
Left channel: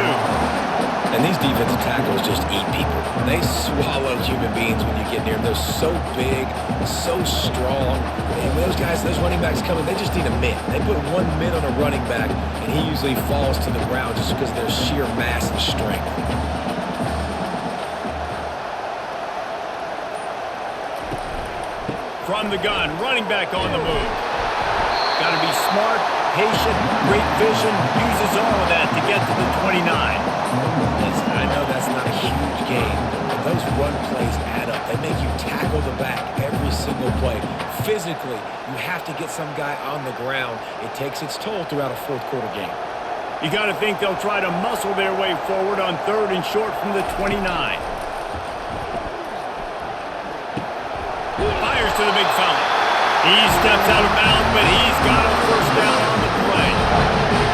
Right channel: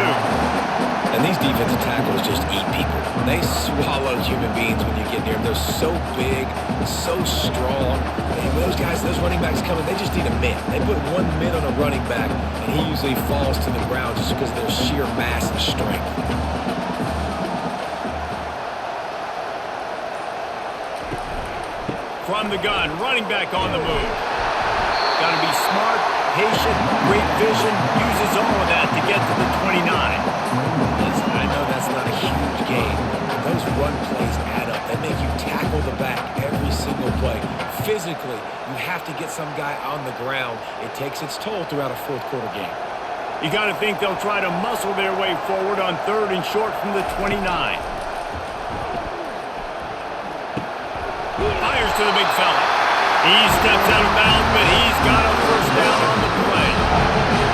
And these defensive tackles just eat people. They swallow human beings when you get near them. They're so big, so strong. And when those guys, those running backs come in, they just need a mitt. They put one mitt on a running back, and he usually falls to the ground just because of their sheer mass and strength. From the gun, running back on the move. Got to be smart, patient, great vision, uses all of that to get to the 29. Listen, I know that's not a huge game, but those run plays add up. They make you tackle the back every single play. Physically, you have to get some guy on the ground. It takes its toll throughout a 4th quarter game. You got to think they'll try to muscle their way forward on 3rd and short from the 29. Fires to the big fella. He steps out of bounds, but he's got a first down on the play.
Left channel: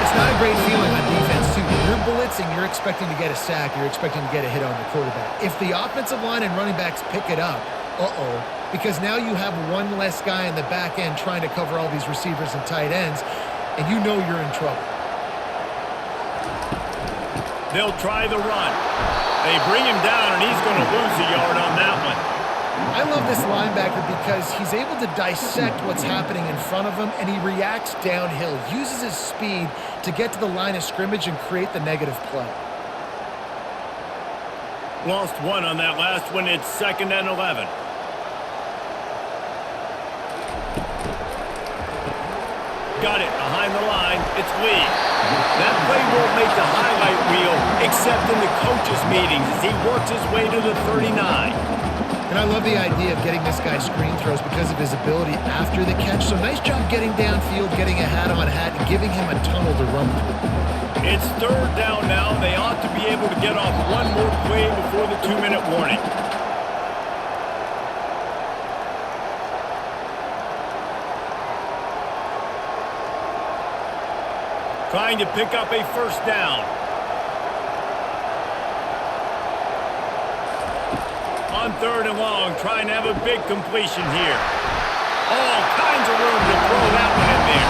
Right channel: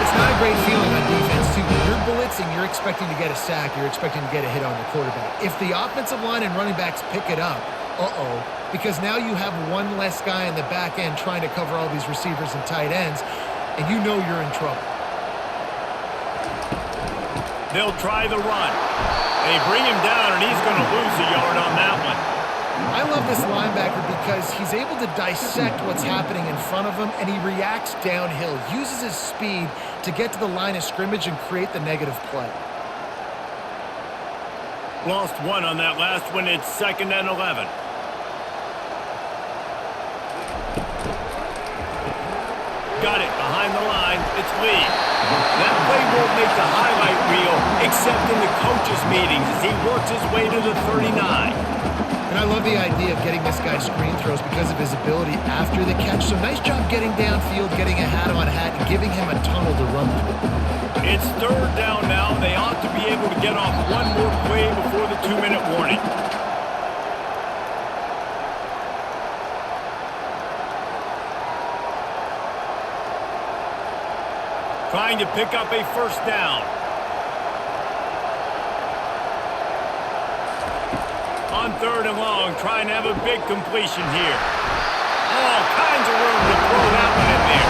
It's not a great feeling on defense, too. When you're blitzing, you're expecting to get a sack. You're expecting to get a hit on the quarterback. If the offensive line and running backs pick it up, because now you have one less guy in the back end trying to cover all these receivers and tight ends, and you know you're in trouble. They'll try the run. They bring him down, and he's going to lose a yard on that one. I love this linebacker because he's able to dissect what's happening in front of him, and he reacts downhill, uses his speed to get to the line of scrimmage and create the negative play. Lost one on that last one. It's 2nd and 11. Got it behind the line. It's Lee. That play won't make the highlight reel except in the coaches' meetings as he works his way to the 39. And I love the idea of getting this guy screen throws because of his ability after the catch. So nice job getting downfield, getting a hat-on-hat, and giving him a tunnel to run through. It's 3rd down now, and they ought to be able to get off one more play before the 2-minute warning. trying to pick up a first down. On 3rd and long, trying to have a big completion here. All kinds of room to throw that one in there.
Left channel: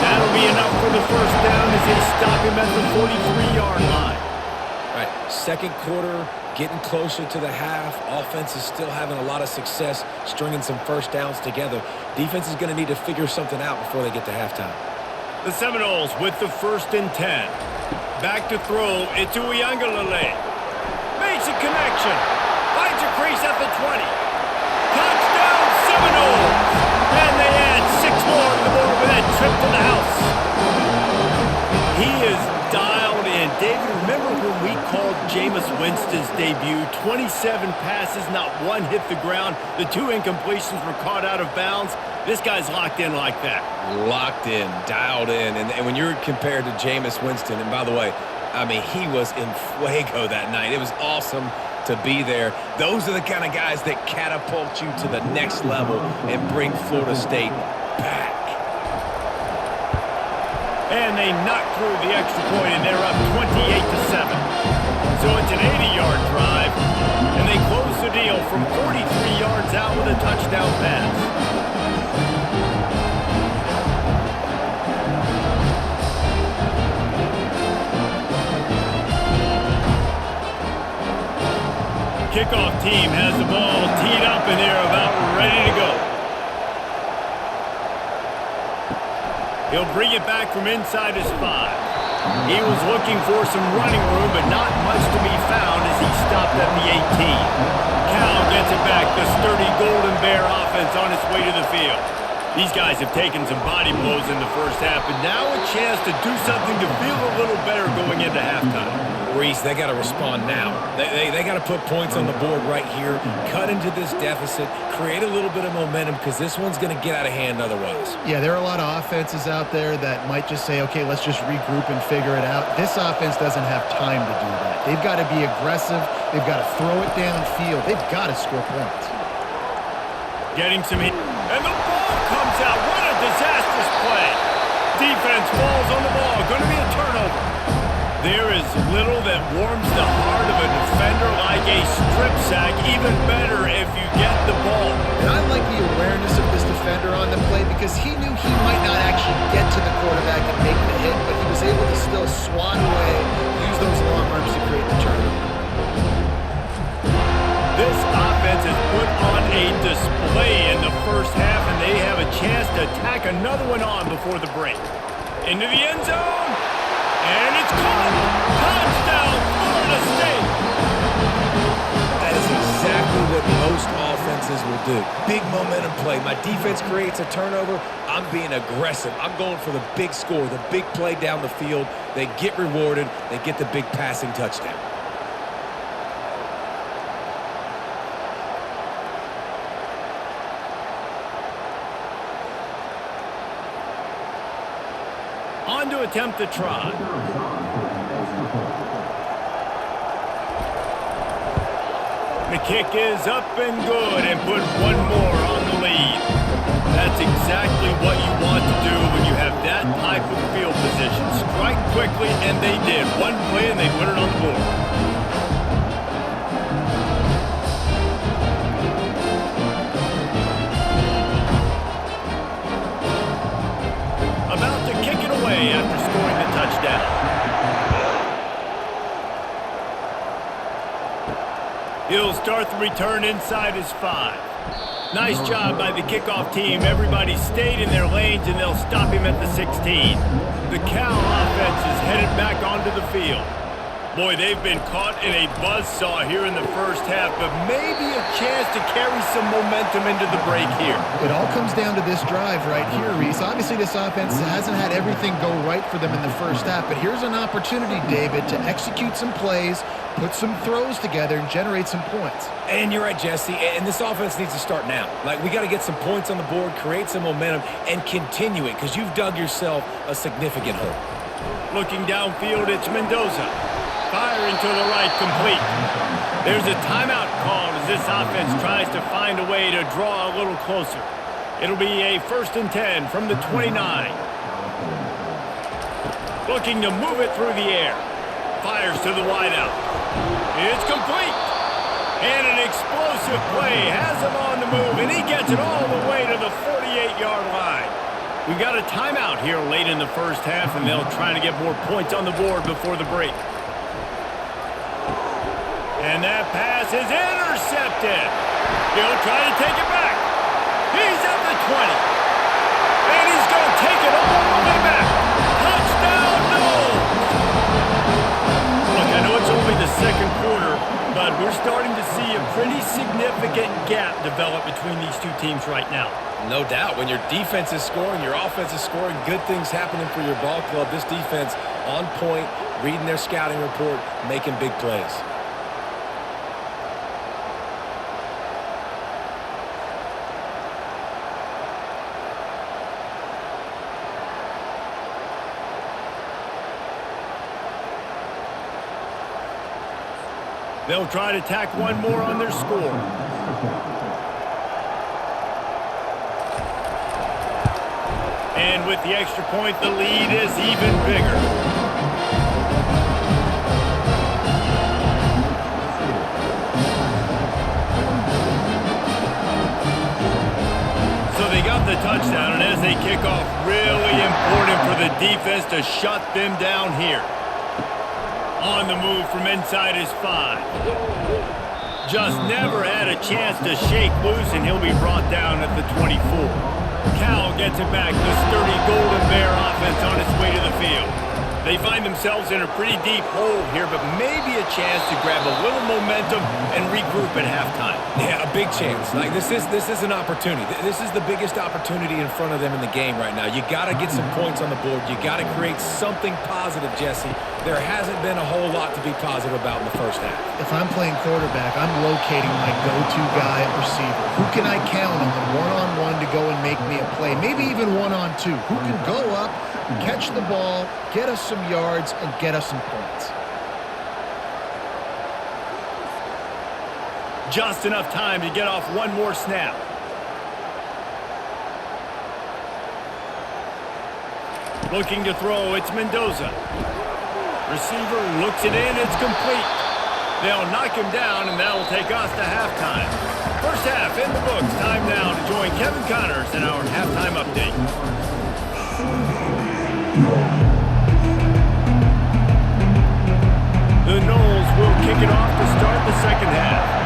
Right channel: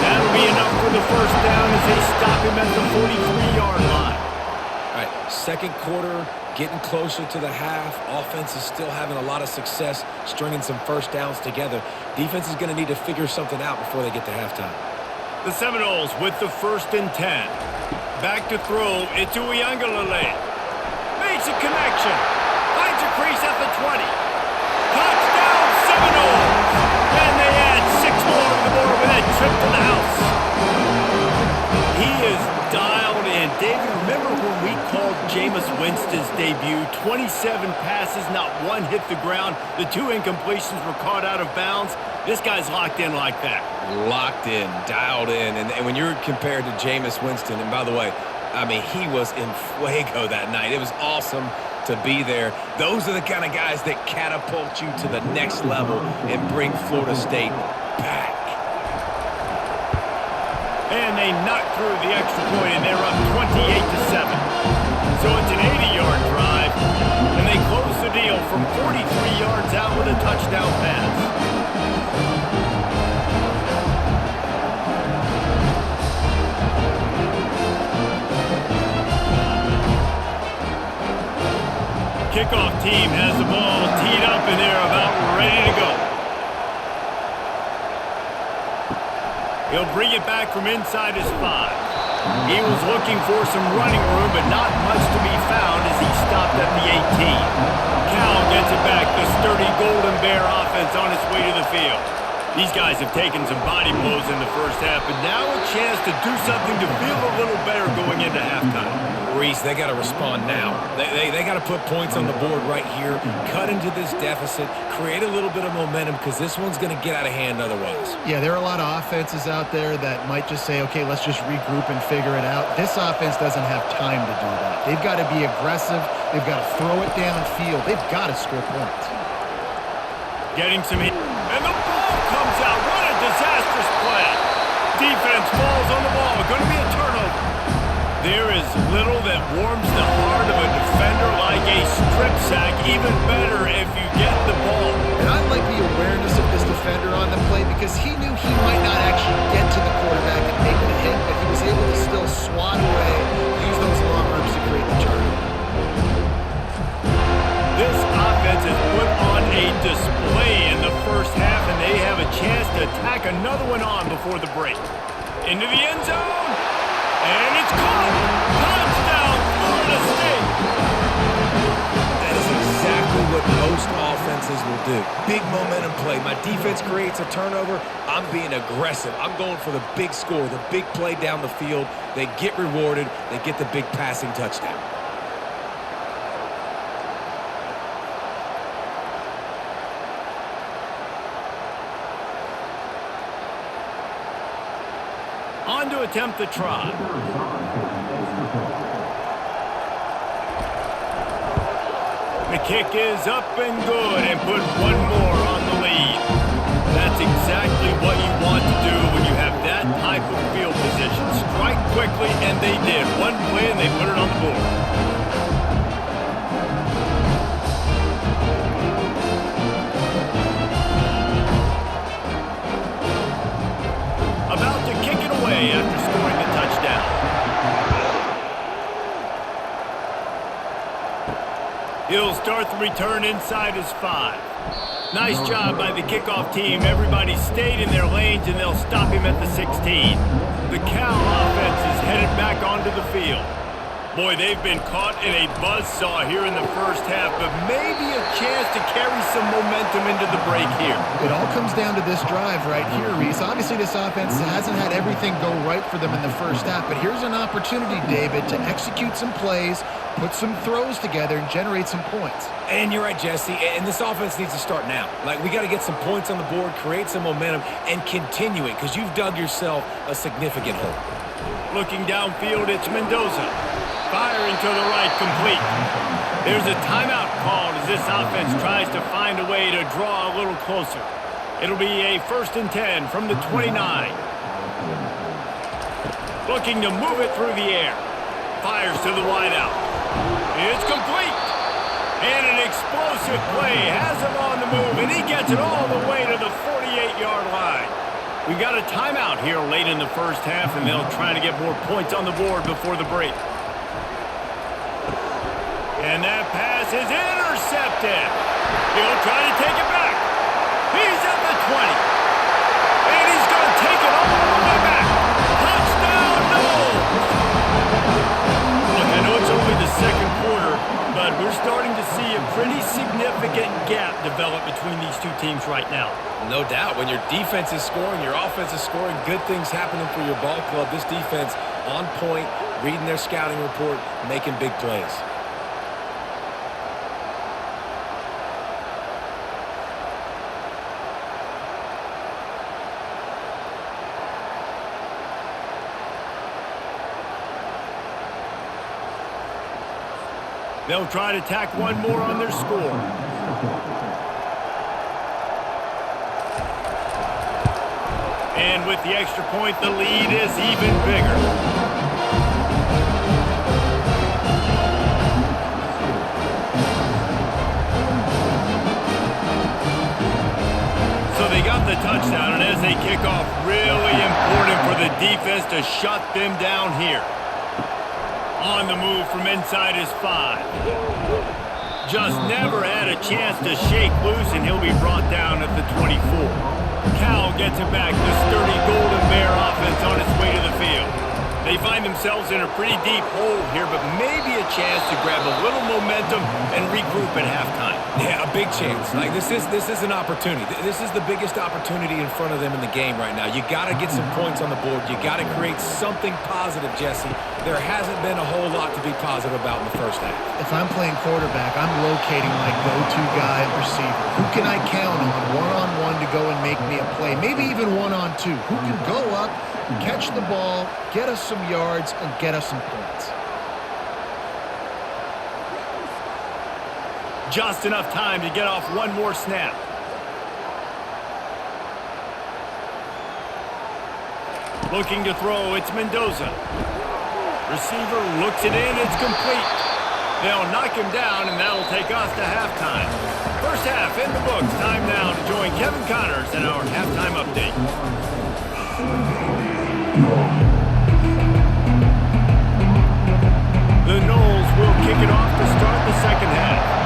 That'll be enough for the first down as they stop him at the 43-yard line. All right, second quarter, getting closer to the half. Offense is still having a lot of success stringing some first downs together. Defense is going to need to figure something out before they get to halftime. The Seminoles with the 1st and 10. Back to throw, it's Uiagalelei. Makes a connection. Finds a crease at the 20. Touchdown Seminoles! And they add 6 more to the board with that trip to the house. He is dialed in. David, remember when we called Jameis Winston's debut? 27 passes, not one hit the ground. The 2 incompletions were caught out of bounds. This guy's locked in like that. Locked in, dialed in. And when you're compared to Jameis Winston, and by the way, I mean, he was in fuego that night. It was awesome to be there. Those are the kind of guys that catapult you to the next level and bring Florida State back. And they knock through the extra point, and they're up 28-7. So it's an 80-yard drive, and they close the deal from 43 yards out with a touchdown pass. Kickoff team has the ball teed up, and they're about ready to go. He'll bring it back from inside his 5. He was looking for some running room, but not much to be found as he stopped at the 18. Cal gets it back, the sturdy Golden Bear offense on its way to the field. These guys have taken some body blows in the first half, but now a chance to do something to feel a little better going into halftime. Reese, they got to respond now. They got to put points on the board right here, cut into this deficit, create a little bit of momentum because this one's going to get out of hand otherwise. Yeah, there are a lot of offenses out there that might just say, okay, let's just regroup and figure it out. This offense doesn't have time to do that. They've got to be aggressive. They've got to throw it downfield. They've got to score points. Getting some heat. And the ball comes out. What a disastrous play. Defense falls on the ball. Going to be a turnover. There is little that warms the heart of a defender like a strip sack. Even better if you get the ball. And I like the awareness of this defender on the play because he knew he might not actually get to the quarterback and make the hit, but he was able to still swat away, use those long arms to create the turnover. This offense has put on a display in the first half, and they have a chance to tack another one on before the break. Into the end zone, and it's caught! Touchdown, Florida State! That is exactly what most offenses will do. Big momentum play. My defense creates a turnover. I'm being aggressive. I'm going for the big score, the big play down the field. They get rewarded. They get the big passing touchdown. On to attempt the try. The kick is up and good and put one more on the lead. That's exactly what you want to do when you have that type of field position. Strike quickly, and they did. One play, and they put it on the board. About to kick it away after scoring the touchdown. He'll start the return inside his 5. Nice job by the kickoff team. Everybody stayed in their lanes, and they'll stop him at the 16. The Cal offense is headed back onto the field. Boy, they've been caught in a buzzsaw here in the first half, but maybe a chance to carry some momentum into the break here. It all comes down to this drive right here, Reese. Obviously, this offense hasn't had everything go right for them in the first half, but here's an opportunity, David, to execute some plays, put some throws together, and generate some points. And you're right, Jesse, and this offense needs to start now. Like, we got to get some points on the board, create some momentum, and continue it, because you've dug yourself a significant hole. Looking downfield, it's Mendoza. Firing to the right, complete. There's a timeout called as this offense tries to find a way to draw a little closer. It'll be a 1st and 10 from the 29. Looking to move it through the air. Fires to the wideout. It's complete. And an explosive play has him on the move, and he gets it all the way to the 48-yard line. We got a timeout here late in the first half, and they'll try to get more points on the board before the break. And that pass is intercepted. He'll try to take it back. He's at the 20. And he's going to take it all the way back. Touchdown, Noles! Look, I know it's only the second quarter, but we're starting to see a pretty significant gap develop between these two teams right now. No doubt. When your defense is scoring, your offense is scoring, good things happening for your ball club. This defense on point, reading their scouting report, making big plays. They'll try to tack one more on their score. And with the extra point, the lead is even bigger. So they got the touchdown, and as they kick off, really important for the defense to shut them down here. On the move from inside his 5. Just never had a chance to shake loose, and he'll be brought down at the 24. Cal gets it back. The sturdy Golden Bear offense on its way to the field. They find themselves in a pretty deep hole here, but maybe a chance to grab a little momentum and regroup at halftime. Yeah, a big chance. Like this is an opportunity. This is the biggest opportunity in front of them in the game right now. You got to get some points on the board. You got to create something positive, Jesse. There hasn't been a whole lot to be positive about in the first half. If I'm playing quarterback, I'm locating my go-to guy at receiver. Who can I count on one-on-one to go and make me a play? Maybe even one-on-two. Who can go up, catch the ball, get us some yards, and get us some points. Just enough time to get off one more snap. Looking to throw, it's Mendoza. Receiver looks it in, it's complete. They'll knock him down, and that'll take us to halftime. First half in the books. Time now to join Kevin Connors in our halftime update. The Noles will kick it off to start the second half.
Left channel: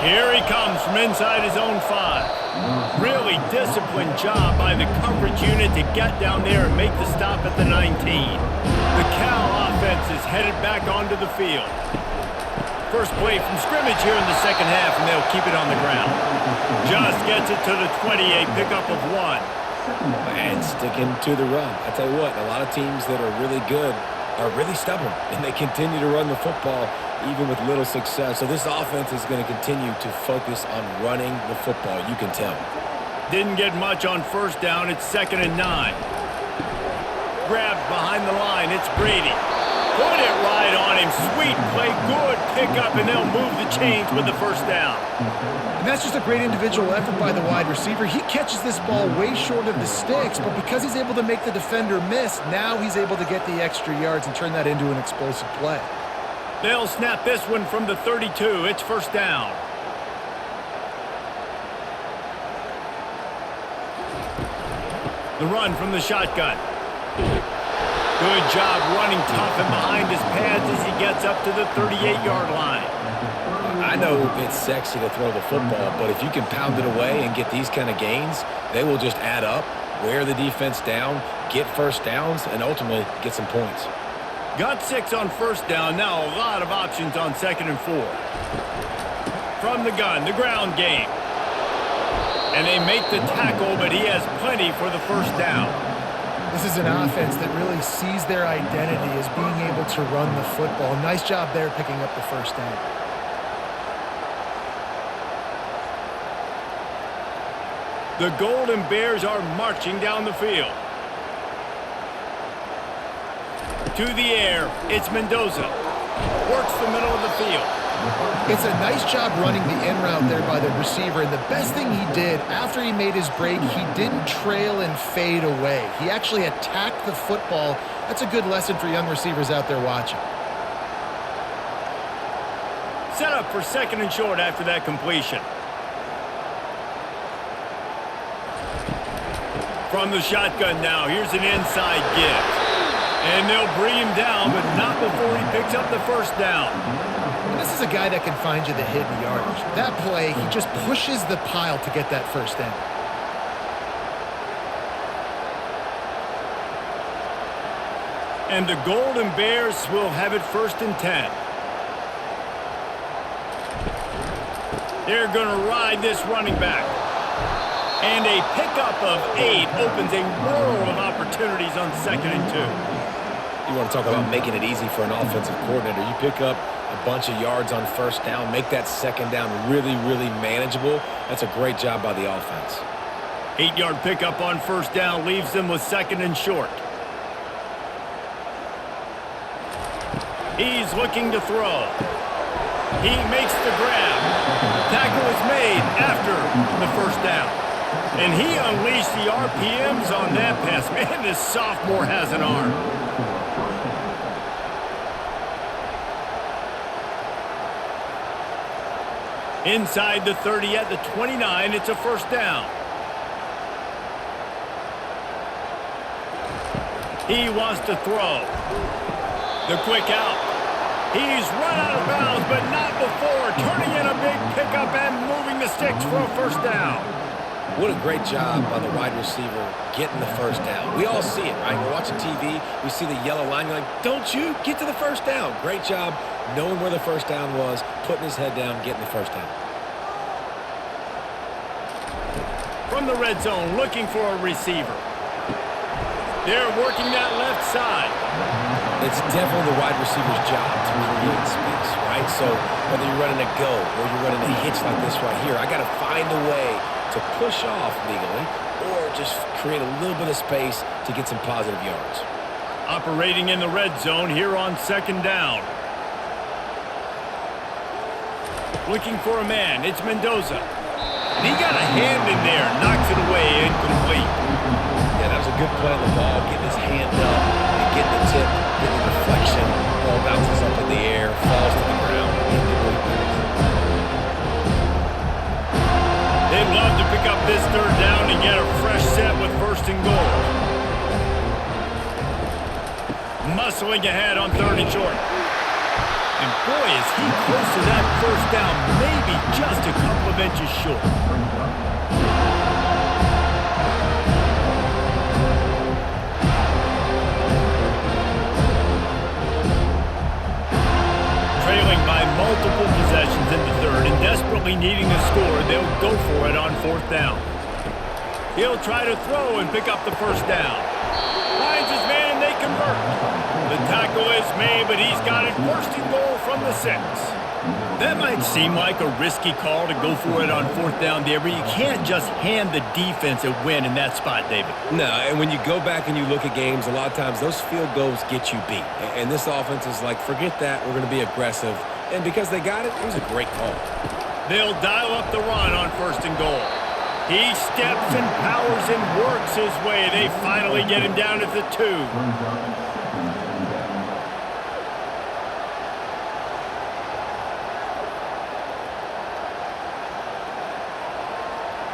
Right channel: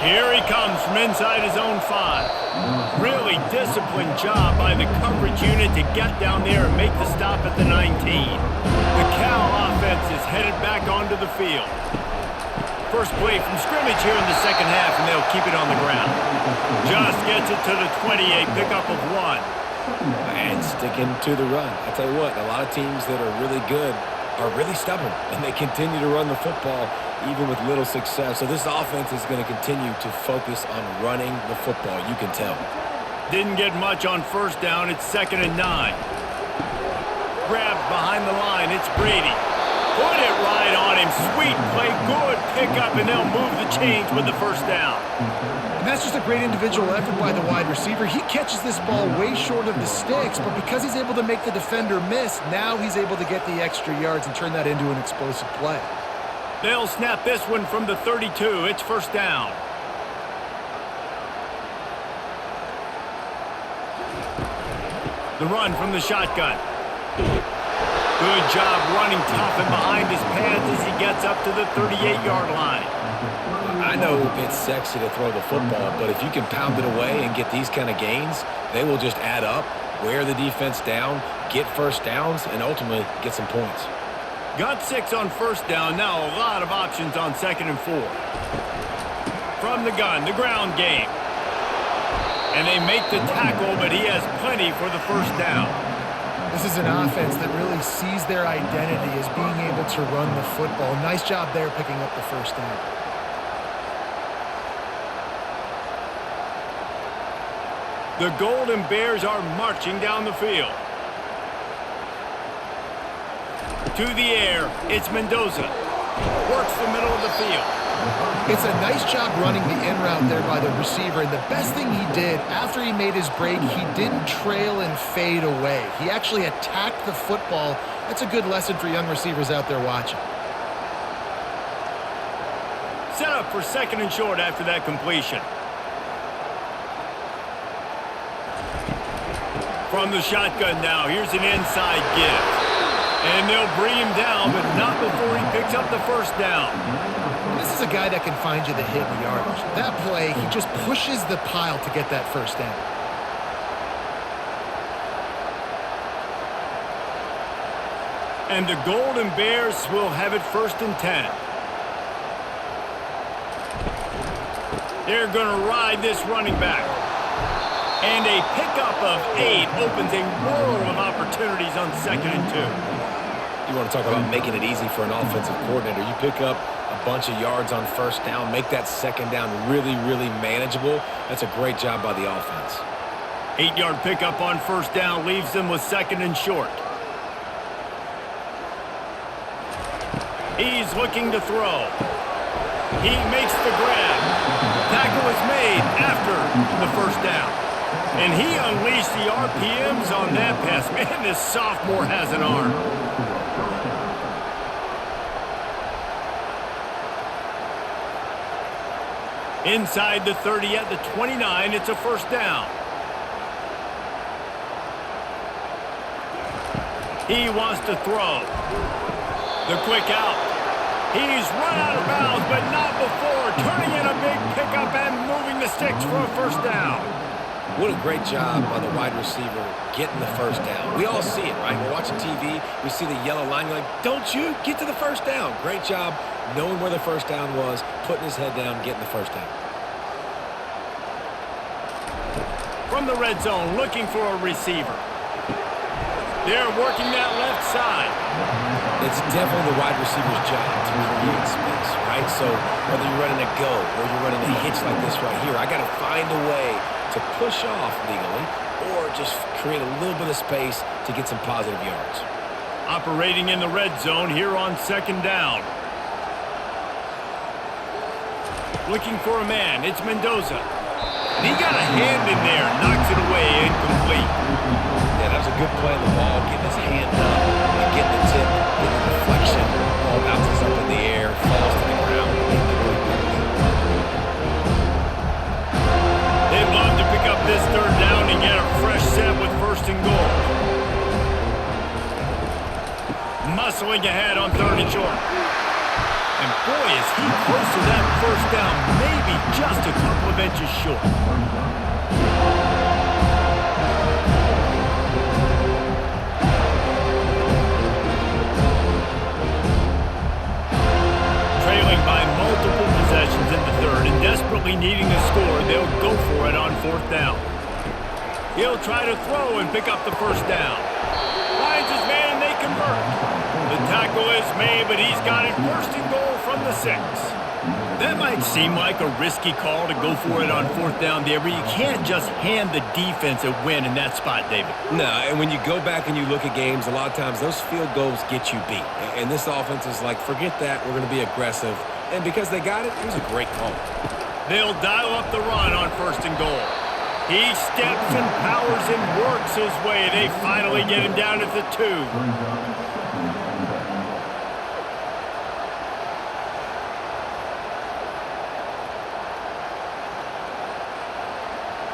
Here he comes from inside his own 5. Really disciplined job by the coverage unit to get down there and make the stop at the 19. The Cal offense is headed back onto the field. First play from scrimmage here in the second half, and they'll keep it on the ground. Just gets it to the 20, a pickup of 1. And sticking to the run. I tell you what, a lot of teams that are really good are really stubborn, and they continue to run the football even with little success. So this offense is going to continue to focus on running the football. You can tell. Didn't get much on first down. It's 2nd and 9. Grabbed behind the line. It's Brady. Put it right on him. Sweet play. Good pickup, and they'll move the chains with the first down. And that's just a great individual effort by the wide receiver. He catches this ball way short of the sticks, but because he's able to make the defender miss, now he's able to get the extra yards and turn that into an explosive play. They'll snap this one from the 32. It's first down. The run from the shotgun. Good job running tough and behind his pads as he gets up to the 38-yard line. I know it's sexy to throw the football, but if you can pound it away and get these kind of gains, they will just add up, wear the defense down, get first downs, and ultimately get some points. Got 6 on first down. Now a lot of options on 2nd and 4. From the gun, the ground game. And they make the tackle, but he has plenty for the first down. This is an offense that really sees their identity as being able to run the football. Nice job there picking up the first down. The Golden Bears are marching down the field. To the air, it's Mendoza. Works the middle of the field. It's a nice job running the in route there by the receiver, and the best thing he did after he made his break, he didn't trail and fade away. He actually attacked the football. That's a good lesson for young receivers out there watching. Set up for 2nd and short after that completion. From the shotgun now, here's an inside give. And they'll bring him down, but not before he picks up the first down. And this is a guy that can find you the hidden yardage. That play, he just pushes the pile to get that first down. And the Golden Bears will have it 1st and 10. They're going to ride this running back. And a pickup of 8 opens a world of opportunities on 2nd and 2. You want to talk about making it easy for an offensive coordinator. You pick up a bunch of yards on 1st down, make that 2nd down really, really manageable. That's a great job by the offense. 8-yard pickup on 1st down leaves them with 2nd and short. He's looking to throw. He makes the grab. Tackle is made after the 1st down. And he unleashed the RPMs on that pass. Man, this sophomore has an arm. Inside the 30 at the 29, it's a 1st down. He wants to throw. The quick out. He's run out of bounds, but not before turning in a big pickup and moving the sticks for a 1st down. What a great job by the wide receiver getting the 1st down. We all see it, right? We're watching TV. We see the yellow line. You're like, don't you? Get to the 1st down. Great job knowing where the 1st down was, putting his head down, getting the 1st down. From the red zone, looking for a receiver. They're working that left side. It's definitely the wide receiver's job to create space, right? So whether you're running a go or you're running a hitch like this right here, I got to find a way to push off legally or just create a little bit of space to get some positive yards. Operating in the red zone here on 2nd down. Looking for a man. It's Mendoza. He got a hand in there, knocks it away, incomplete. Yeah, that was a good play on the ball, getting his hand up and getting the tip, getting the deflection. Ball bounces up in the air, falls to the ground. Incomplete pass. They'd love to pick up this 3rd down and get a fresh set with 1st and goal. Muscling ahead on 3rd and short. And boy, is he close to that 1st down, maybe just a couple of inches short. Trailing by multiple possessions in the 3rd and desperately needing a score, they'll go for it on 4th down. He'll try to throw and pick up the 1st down. Finds his man and they convert. The tackle is made, but he's got it 1st and goal from the 6. That might seem like a risky call to go for it on 4th down there, but you can't just hand the defense a win in that spot, David. No, and when you go back and you look at games, a lot of times those field goals get you beat. And this offense is like, forget that, we're going to be aggressive. And because they got it, it was a great call. They'll dial up the run on 1st and goal. He steps and powers and works his way. They finally get him down at the 2.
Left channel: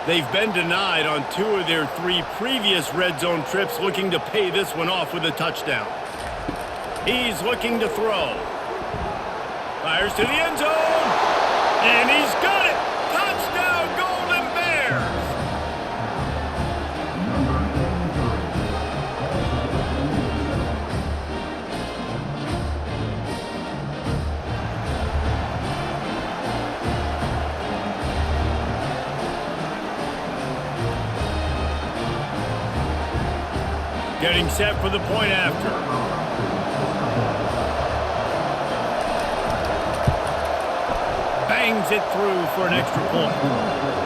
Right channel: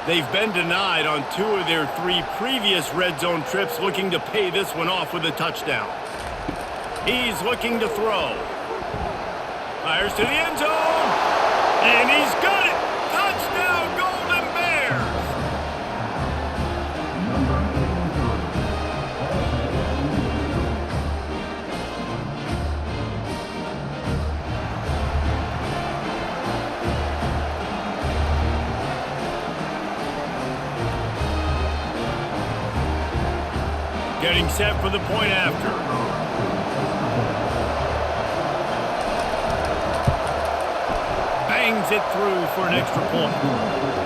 They've been denied on 2 of their 3 previous red zone trips, looking to pay this one off with a touchdown. He's looking to throw. Fires to the end zone. And he's got it. Touchdown, Golden Bears. Getting set for the point after. Bangs it through for an extra point.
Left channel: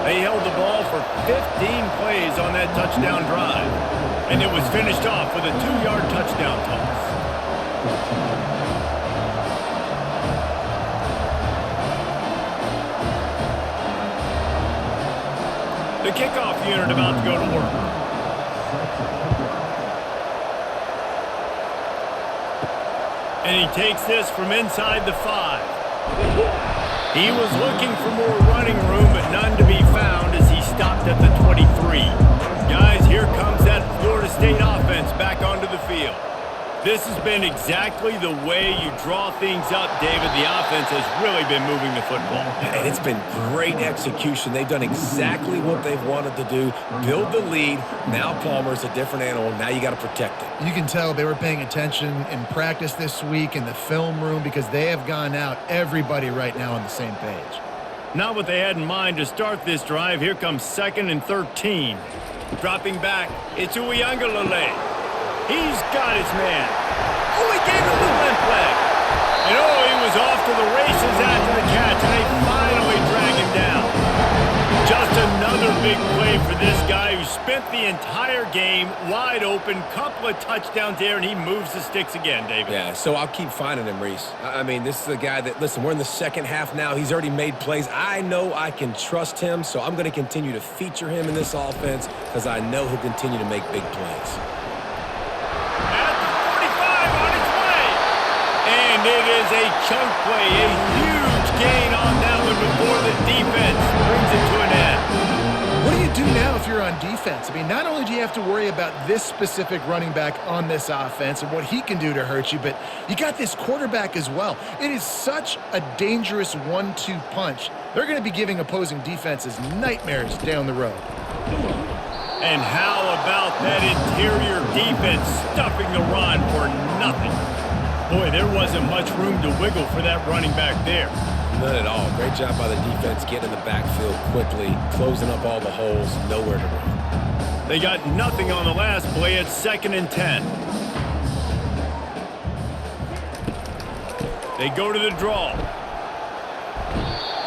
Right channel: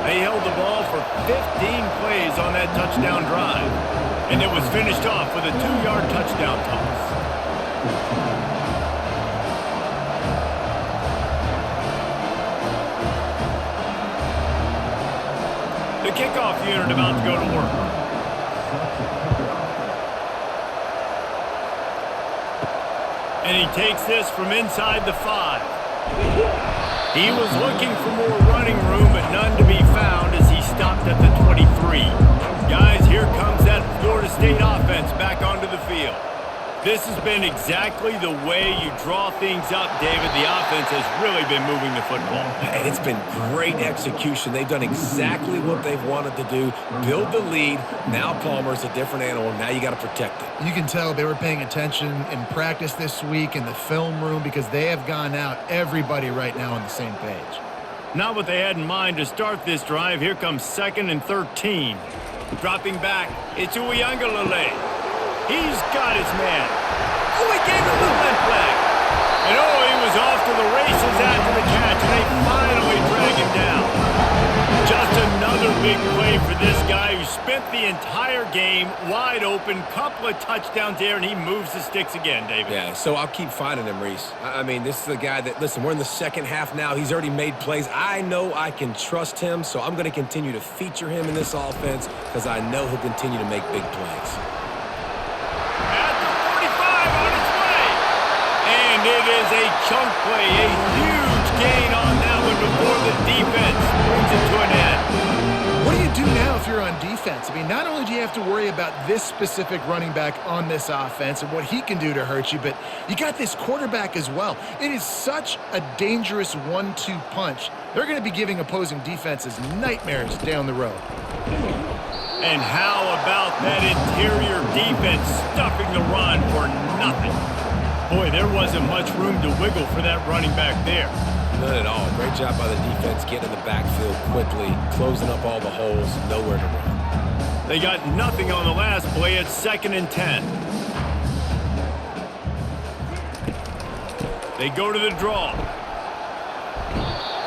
They held the ball for 15 plays on that touchdown drive. And it was finished off with a 2-yard touchdown toss. The kickoff unit about to go to work. And he takes this from inside the 5. He was looking for more running room, but none to be found as he stopped at the 23. Guys, here comes that Florida State offense back onto the field. This has been exactly the way you draw things up, David. The offense has really been moving the football. And it's been great execution. They've done exactly what they've wanted to do. Build the lead. Now Palmer's a different animal. Now you got to protect it. You can tell they were paying attention in practice this week in the film room because they have gone out, everybody right now on the same page. Not what they had in mind to start this drive. Here comes 2nd and 13. Dropping back, it's Uiagalelei. He's got his man. Oh, he gave him the limp leg. And oh, he was off to the races after the catch, and they finally drag him down. Just another big play for this guy who spent the entire game wide open. Couple of touchdowns there, and he moves the sticks again, David. Yeah, so I'll keep finding him, Reese. I mean, this is the guy that, listen, we're in the second half now. He's already made plays. I know I can trust him, so I'm going to continue to feature him in this offense because I know he'll continue to make big plays. At the 45 on its way. And it is a chunk play, a huge gain on that one before the defense brings it to an end. What do you do now if you're on defense? I mean, not only do you have to worry about this specific running back on this offense and what he can do to hurt you, but you got this quarterback as well. It is such a dangerous 1-2 punch. They're going to be giving opposing defenses nightmares down the road. And how about that interior defense stuffing the run for nothing? Boy, there wasn't much room to wiggle for that running back there. None at all. Great job by the defense getting in the backfield quickly, closing up all the holes, nowhere to run. They got nothing on the last play at 2nd and 10. They go to the draw.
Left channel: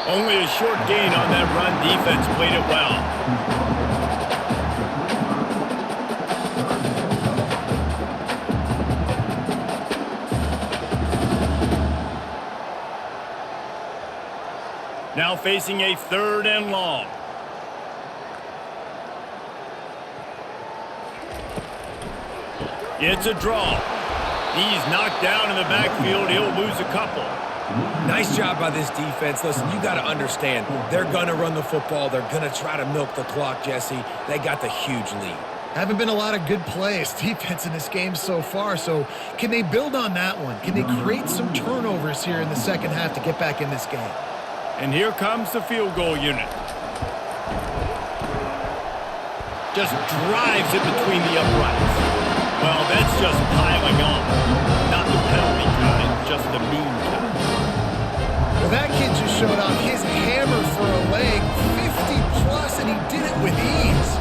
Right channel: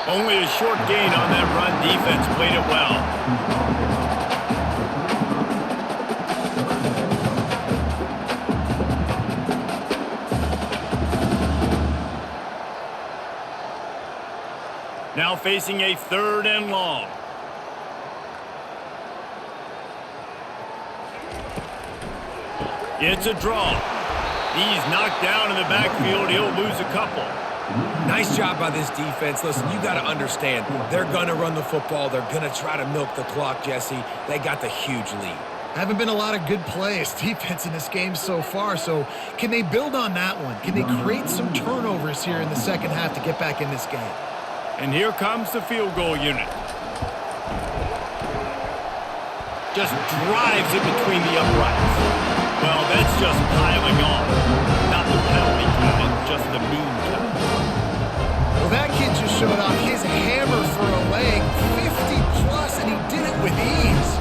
Only a short gain on that run. Defense played it well. Now facing a 3rd and long. It's a draw. He's knocked down in the backfield. He'll lose a couple. Nice job by this defense. Listen, you got to understand, they're going to run the football. They're going to try to milk the clock, Jesse. They got the huge lead. Haven't been a lot of good plays, defense in this game so far, so can they build on that one? Can they create some turnovers here in the second half to get back in this game? And here comes the field goal unit. Just drives it between the uprights. Well, that's just piling on. Not the penalty kind, just the mean kind. Well, that kid just showed off his hammer for a leg, 50 plus, and he did it with ease.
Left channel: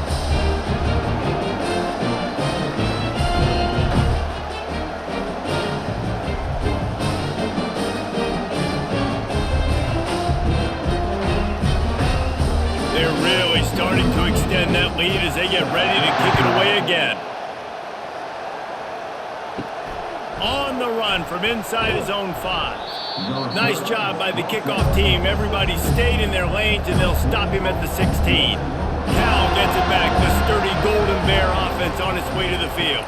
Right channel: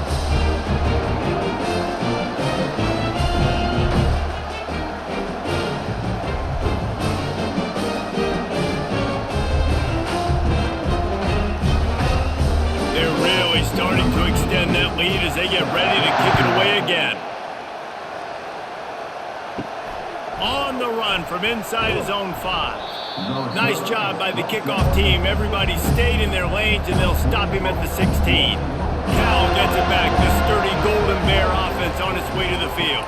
They're really starting to extend that lead as they get ready to kick it away again. On the run from inside his own 5. Nice job by the kickoff team. Everybody stayed in their lanes, and they'll stop him at the 16. Cal gets it back. The sturdy Golden Bear offense on its way to the field.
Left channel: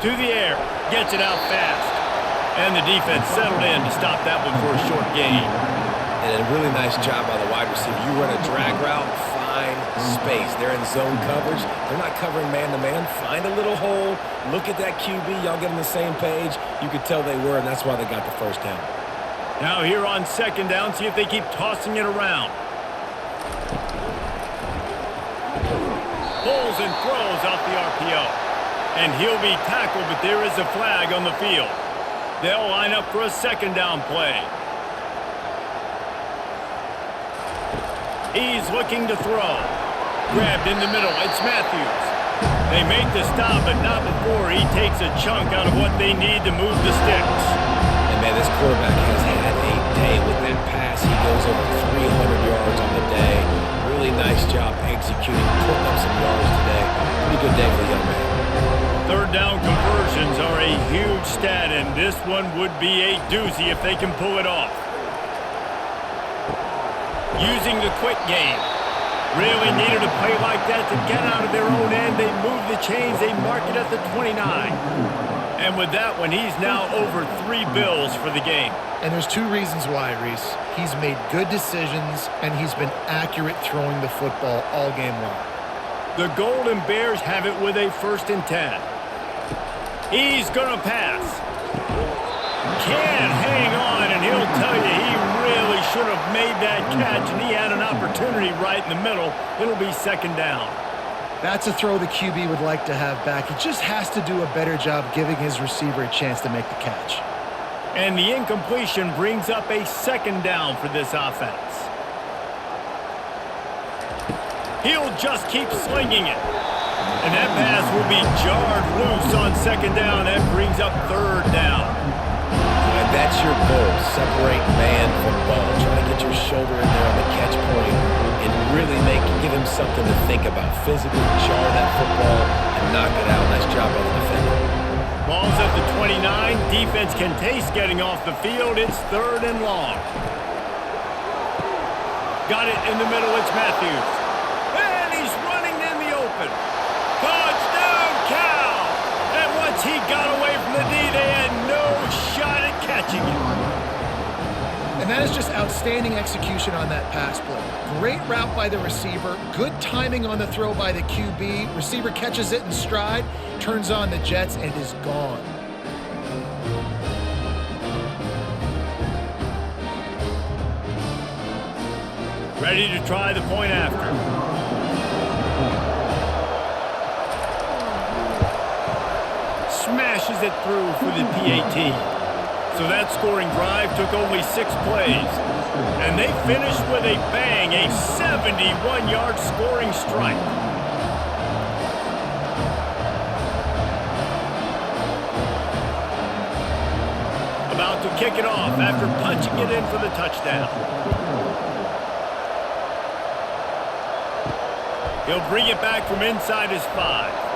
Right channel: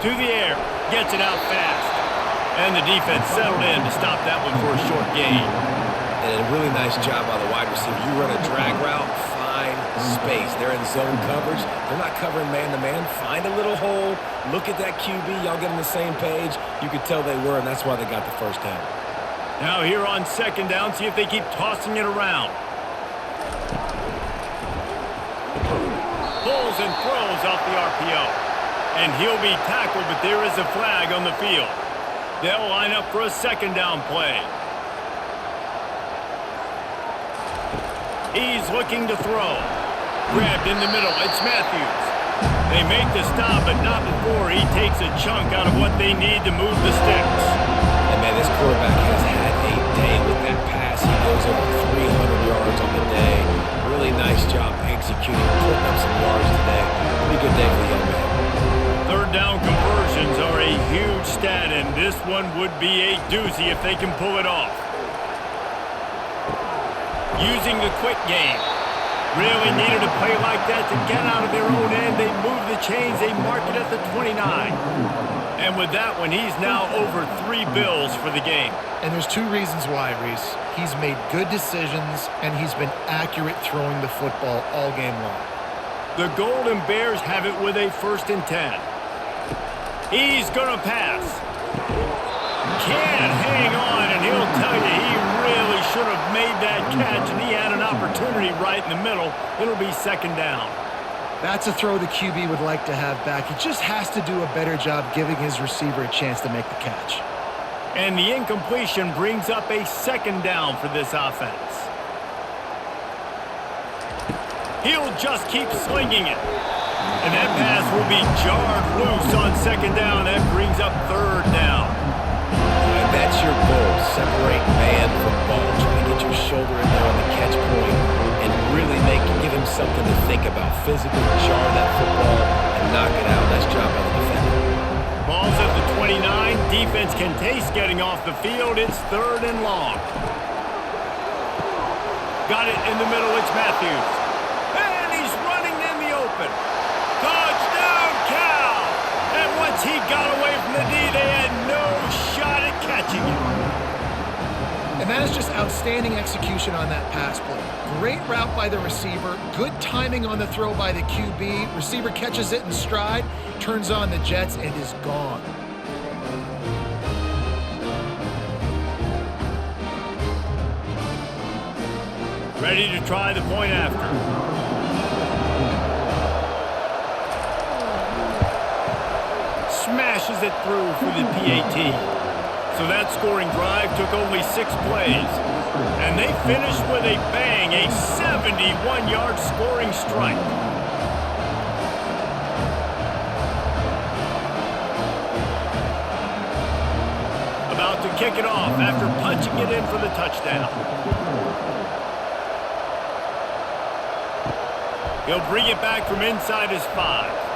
To the air. Gets it out fast. And the defense settled in to stop that one for a short gain. And a really nice job by the wide receiver. You run a drag route, find space. They're in zone coverage. They're not covering man-to-man. Find a little hole. Look at that QB. Y'all get on the same page. You could tell they were, and that's why they got the first down. Now here on 2nd down, see if they keep tossing it around. Pulls and throws off the RPO. And he'll be tackled, but there is a flag on the field. They'll line up for a 2nd down play. He's looking to throw. Grabbed in the middle. It's Matthews. They make the stop, but not before he takes a chunk out of what they need to move the sticks. And, man, this quarterback has had a day with that pass. He goes over 300 yards on the day. Really nice job executing, putting up some yards today. Pretty good day for the young man. 3rd down conversions are a huge stat, and this one would be a doozy if they can pull it off. Using the quick game. Really needed a play like that to get out of their own end. They move the chains. They mark it at the 29. And with that one, he's now over 3 bills for the game. And there's 2 reasons why, Reese. He's made good decisions, and he's been accurate throwing the football all game long. The Golden Bears have it with a 1st and 10. He's going to pass. Can't hang on, and he'll tell you he really should have made that catch, and he had an opportunity right in the middle. It'll be 2nd down. That's a throw the QB would like to have back. He just has to do a better job giving his receiver a chance to make the catch. And the incompletion brings up a 2nd down for this offense. He'll just keep slinging it. And that pass will be jarred loose on 2nd down. That brings up 3rd down. And that's your goal. Separate man from ball. Try to get your shoulder in there on the catch point and really give him something to think about. Physically jar that football and knock it out. Nice job by the defender. Ball's at the 29. Defense can taste getting off the field. It's 3rd and long. Got it in the middle. It's Matthews. And he's running in the open. Touchdown, Cal! And once he got away from the D, they had no shot at catching him. And that is just outstanding execution on that pass play. Great route by the receiver, good timing on the throw by the QB. Receiver catches it in stride, turns on the jets, and is gone. Ready to try the point after. Smashes it through for the PAT. So that scoring drive took only 6 plays. And they finished with a bang, a 71-yard scoring strike. About to kick it off after punching it in for the touchdown. He'll bring it back from inside his 5.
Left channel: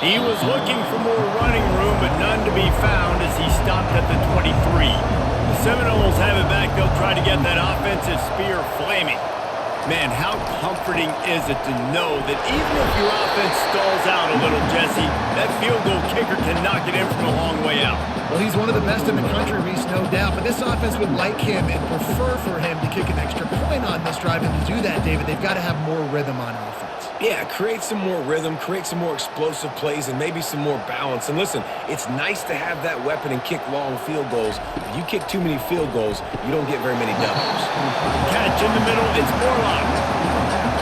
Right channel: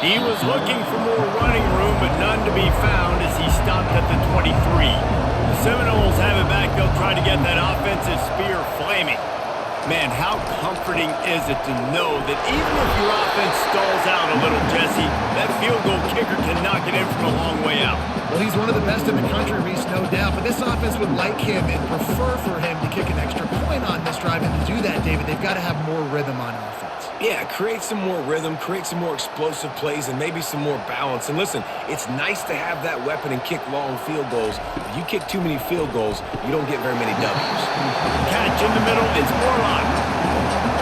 He was looking for more running room, but none to be found as he stopped at the 23. The Seminoles have it back. They'll try to get that offensive spear flaming. Man, how comforting is it to know that even if your offense stalls out a little, Jesse, that field goal kicker can knock it in from a long way out. Well, he's one of the best in the country, Reese, no doubt. But this offense would like him and prefer for him to kick an extra point on this drive. And to do that, David, they've got to have more rhythm on offense. Yeah, create some more rhythm, create some more explosive plays, and maybe some more balance. And listen, it's nice to have that weapon and kick long field goals. If you kick too many field goals, you don't get very many W's. Catch in the middle, it's Morlock.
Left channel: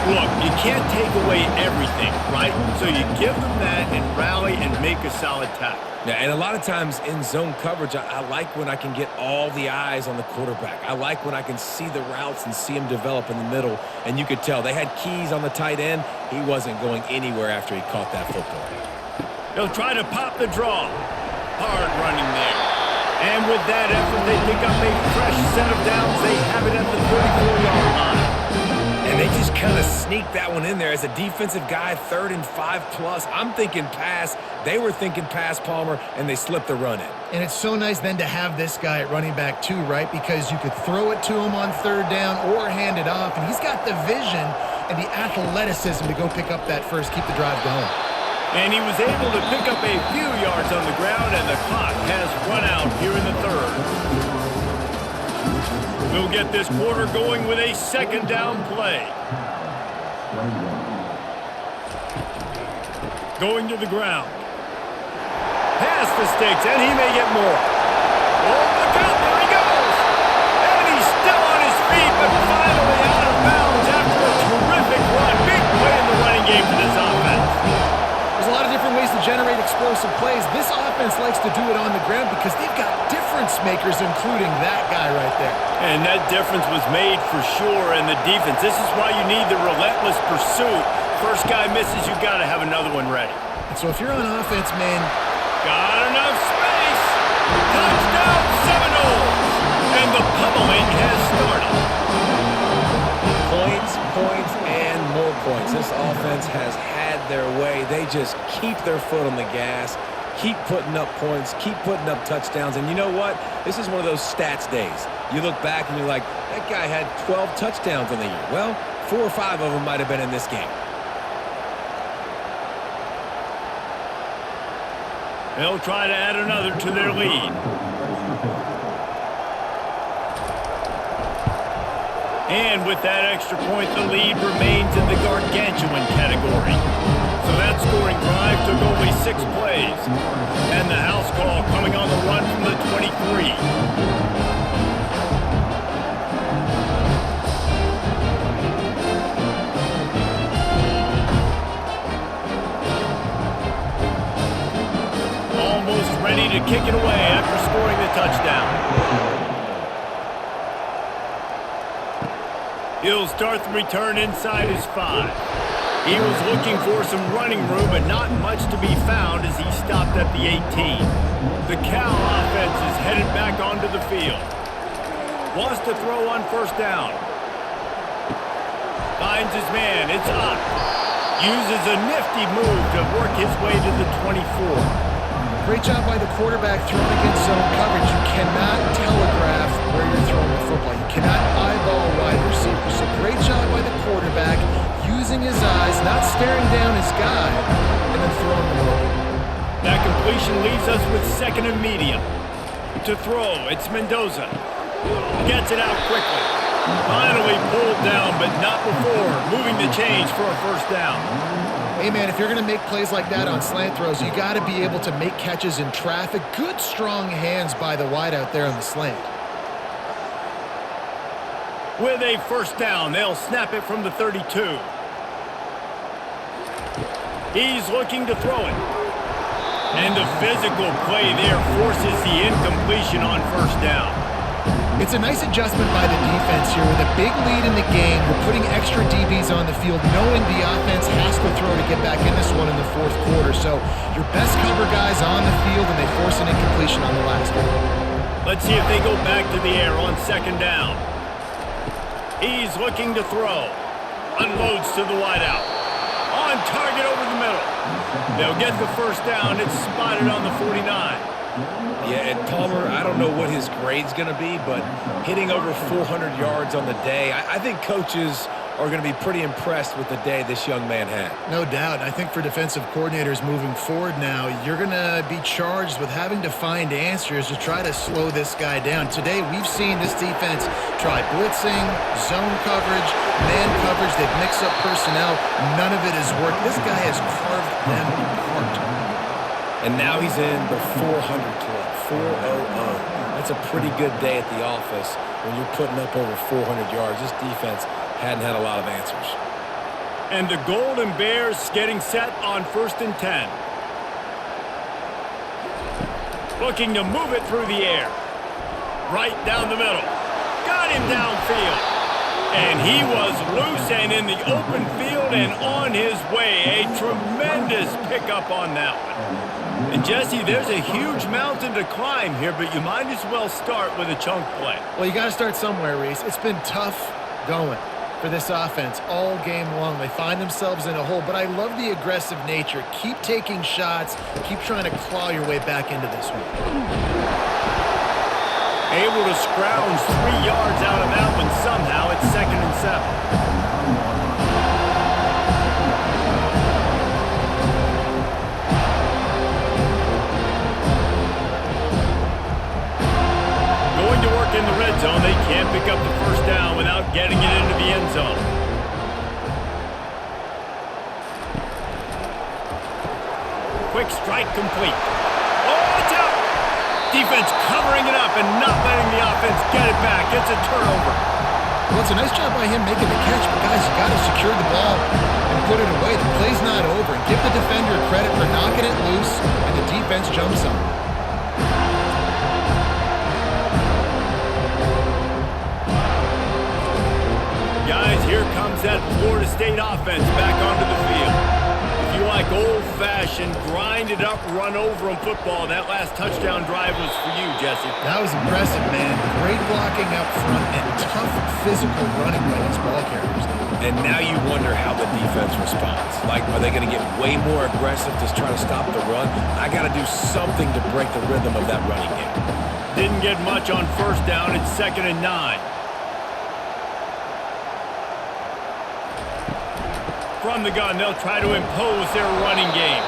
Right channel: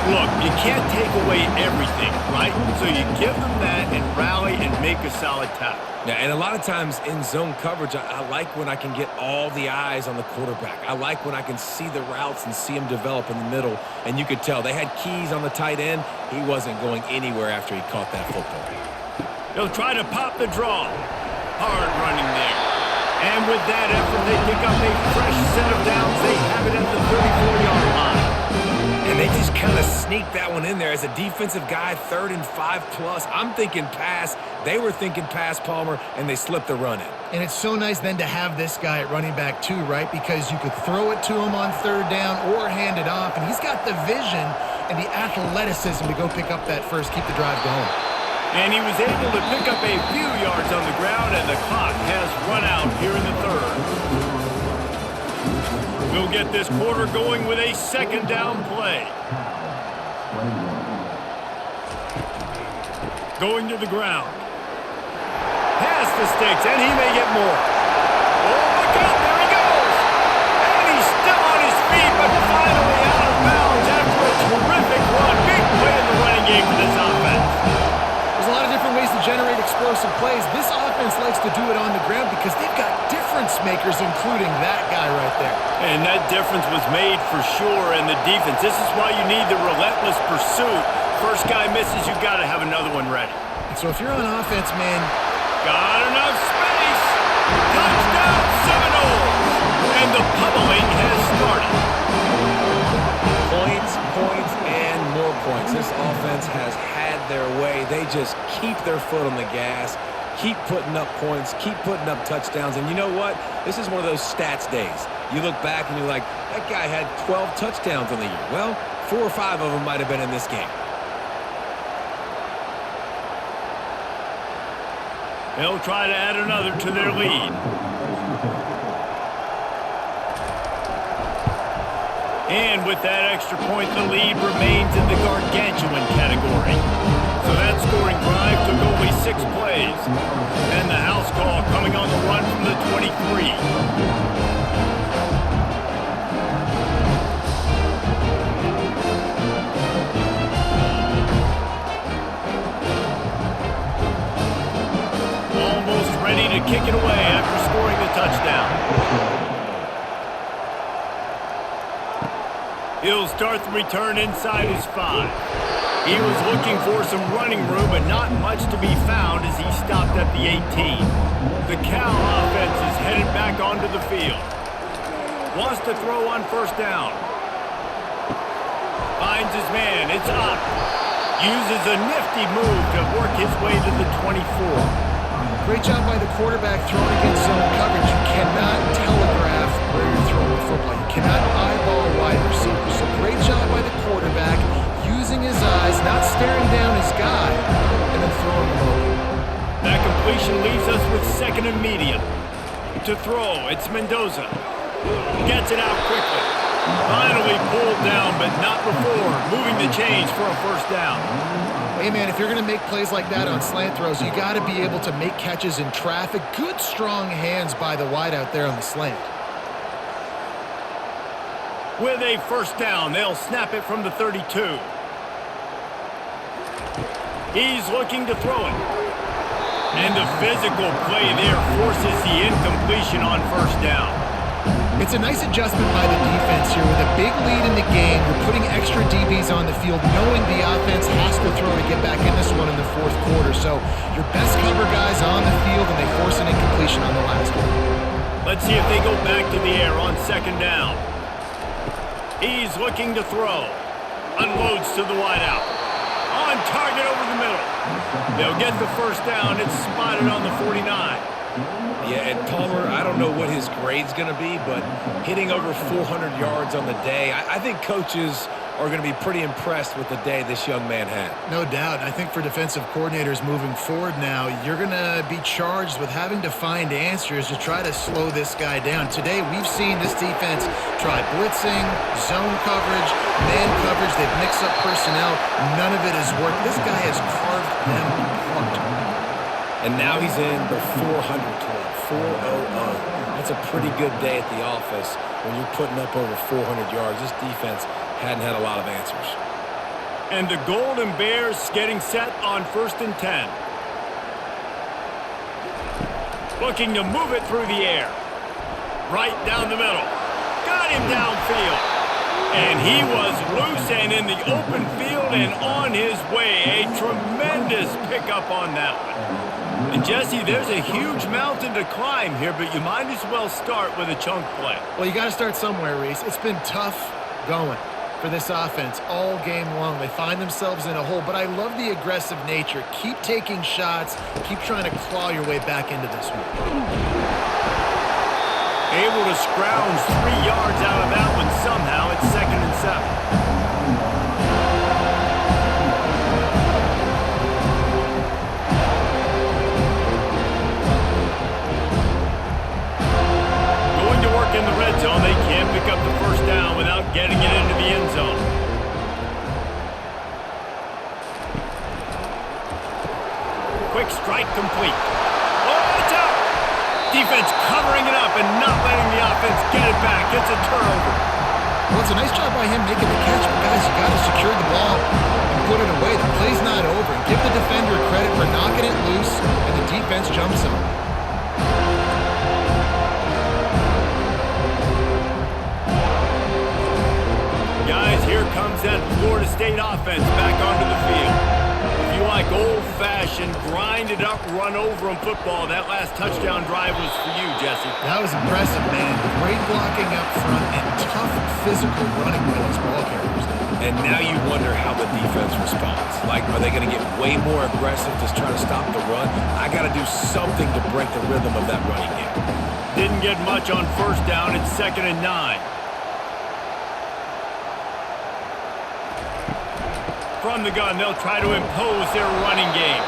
Look, you can't take away everything, right? So you give them that and rally and make a solid tackle. Yeah, and a lot of times in zone coverage, I like when I can get all the eyes on the quarterback. I like when I can see the routes and see him develop in the middle. And you could tell they had keys on the tight end. He wasn't going anywhere after he caught that football. He'll try to pop the draw. Hard running there. And with that effort, they pick up a fresh set of downs. They have it at the 34-yard line. And they just kind of sneaked that one in there. As a defensive guy, 3rd and 5+. I'm thinking pass. They were thinking pass, Palmer, and they slipped the run in. And it's so nice then to have this guy at running back too, right? Because you could throw it to him on 3rd down or hand it off. And he's got the vision and the athleticism to go pick up that first, keep the drive going. And he was able to pick up a few yards on the ground, and the clock has run out here in the 3rd. We'll get this quarter going with a 2nd down play. Going to the ground. Past the sticks, and he may get more. Oh, look out, there he goes. And he's still on his feet, but finally out of bounds after a terrific run. Big play in the running game for this offense. There's a lot of different ways to generate explosive plays. This offense likes to do it on the ground because they've got difference makers, including that guy right there. And that difference was made for sure in the defense. This is why you need the relentless pursuit. First guy misses, you got to have another one ready. And so if you're on offense, man, got enough space. Touchdown Seminoles. And the pummeling has started. Points, points, and more points. This offense has had their way. They just keep their foot on the gas, keep putting up points, keep putting up touchdowns. And you know what? This is one of those stats days. You look back and you're like, that guy had 12 touchdowns on the year. Well, 4 or 5 of them might have been in this game. They'll try to add another to their lead. And with that extra point, the lead remains in the gargantuan category. So that scoring drive took only 6 plays. And the house call coming on the run from the 23. Almost ready to kick it away after scoring the touchdown. He'll start the return inside his 5. He was looking for some running room, but not much to be found as he stopped at the 18. The Cal offense is headed back onto the field. Wants to throw on first down. Finds his man. It's Ott. Uses a nifty move to work his way to the 24. Great job by the quarterback throwing against zone coverage. You cannot telegraph where you're throwing the football. You cannot eyeball wide receivers. So great job by the quarterback using his eyes, not staring down his guy, and then throwing them open. That completion leaves us with 2nd and medium. To throw, it's Mendoza. Gets it out quickly. Finally pulled down, but not before moving the chains for a first down. Hey, man, if you're going to make plays like that on slant throws, you got to be able to make catches in traffic. Good, strong hands by the wide out there on the slant. With a first down, they'll snap it from the 32. He's looking to throw it. And the physical play there forces the incompletion on first down. It's a nice adjustment by the defense here. With a big lead in the game, you're putting extra DBs on the field, knowing the offense has to throw to get back in this one in the 4th quarter. So your best cover guys on the field, and they force an incompletion on the last one. Let's see if they go back to the air on 2nd down. He's looking to throw. Unloads to the wideout. On target over the middle. They'll get the first down. It's spotted on the 49. Yeah, and Palmer, I don't know what his grade's going to be, but hitting over 400 yards on the day, I think coaches are going to be pretty impressed with the day this young man had. No doubt. And I think for defensive coordinators moving forward now, you're going to be charged with having to find answers to try to slow this guy down. Today, we've seen this defense try blitzing, zone coverage, man coverage. They've mixed up personnel. None of it has worked. This guy has carved them apart. And now he's in the 400 club, 400. That's a pretty good day at the office when you're putting up over 400 yards. This defense hadn't had a lot of answers. And the Golden Bears getting set on 1st and 10. Looking to move it through the air. Right down the middle. Got him downfield. And he was loose and in the open field and on his way. A tremendous pickup on that one. And Jesse, there's a huge mountain to climb here, but you might as well start with a chunk play. Well, you got to start somewhere, Reese. It's been tough going for this offense all game long. They find themselves in a hole, but I love the aggressive nature. Keep taking shots. Keep trying to claw your way back into this one. Able to scrounge 3 yards out of that one somehow. It's 2nd and 7. Going to work in the red zone. They can't pick up the first down without getting it into the end zone. Quick strike complete. Oh, it's out. Defense covering it up and not letting the offense get it back. It's a turnover. Well, it's a nice job by him making the catch, but guys, you got to secure the ball and put it away. The play's not over. And give the defender credit for knocking it loose, and the defense jumps on it. Guys, here comes that Florida State offense back onto the field. If you like old-fashioned, grind-it-up, run-over-'em football, that last touchdown drive was for you, Jesse. That was impressive, man. Great blocking up front and tough physical running by these ball carriers. And now you wonder how the defense responds. Like, are they going to get way more aggressive to try to stop the run? I got to do something to break the rhythm of that running game. Didn't get much on first down. It's 2nd and 9. from the gun, they'll try to impose their running game.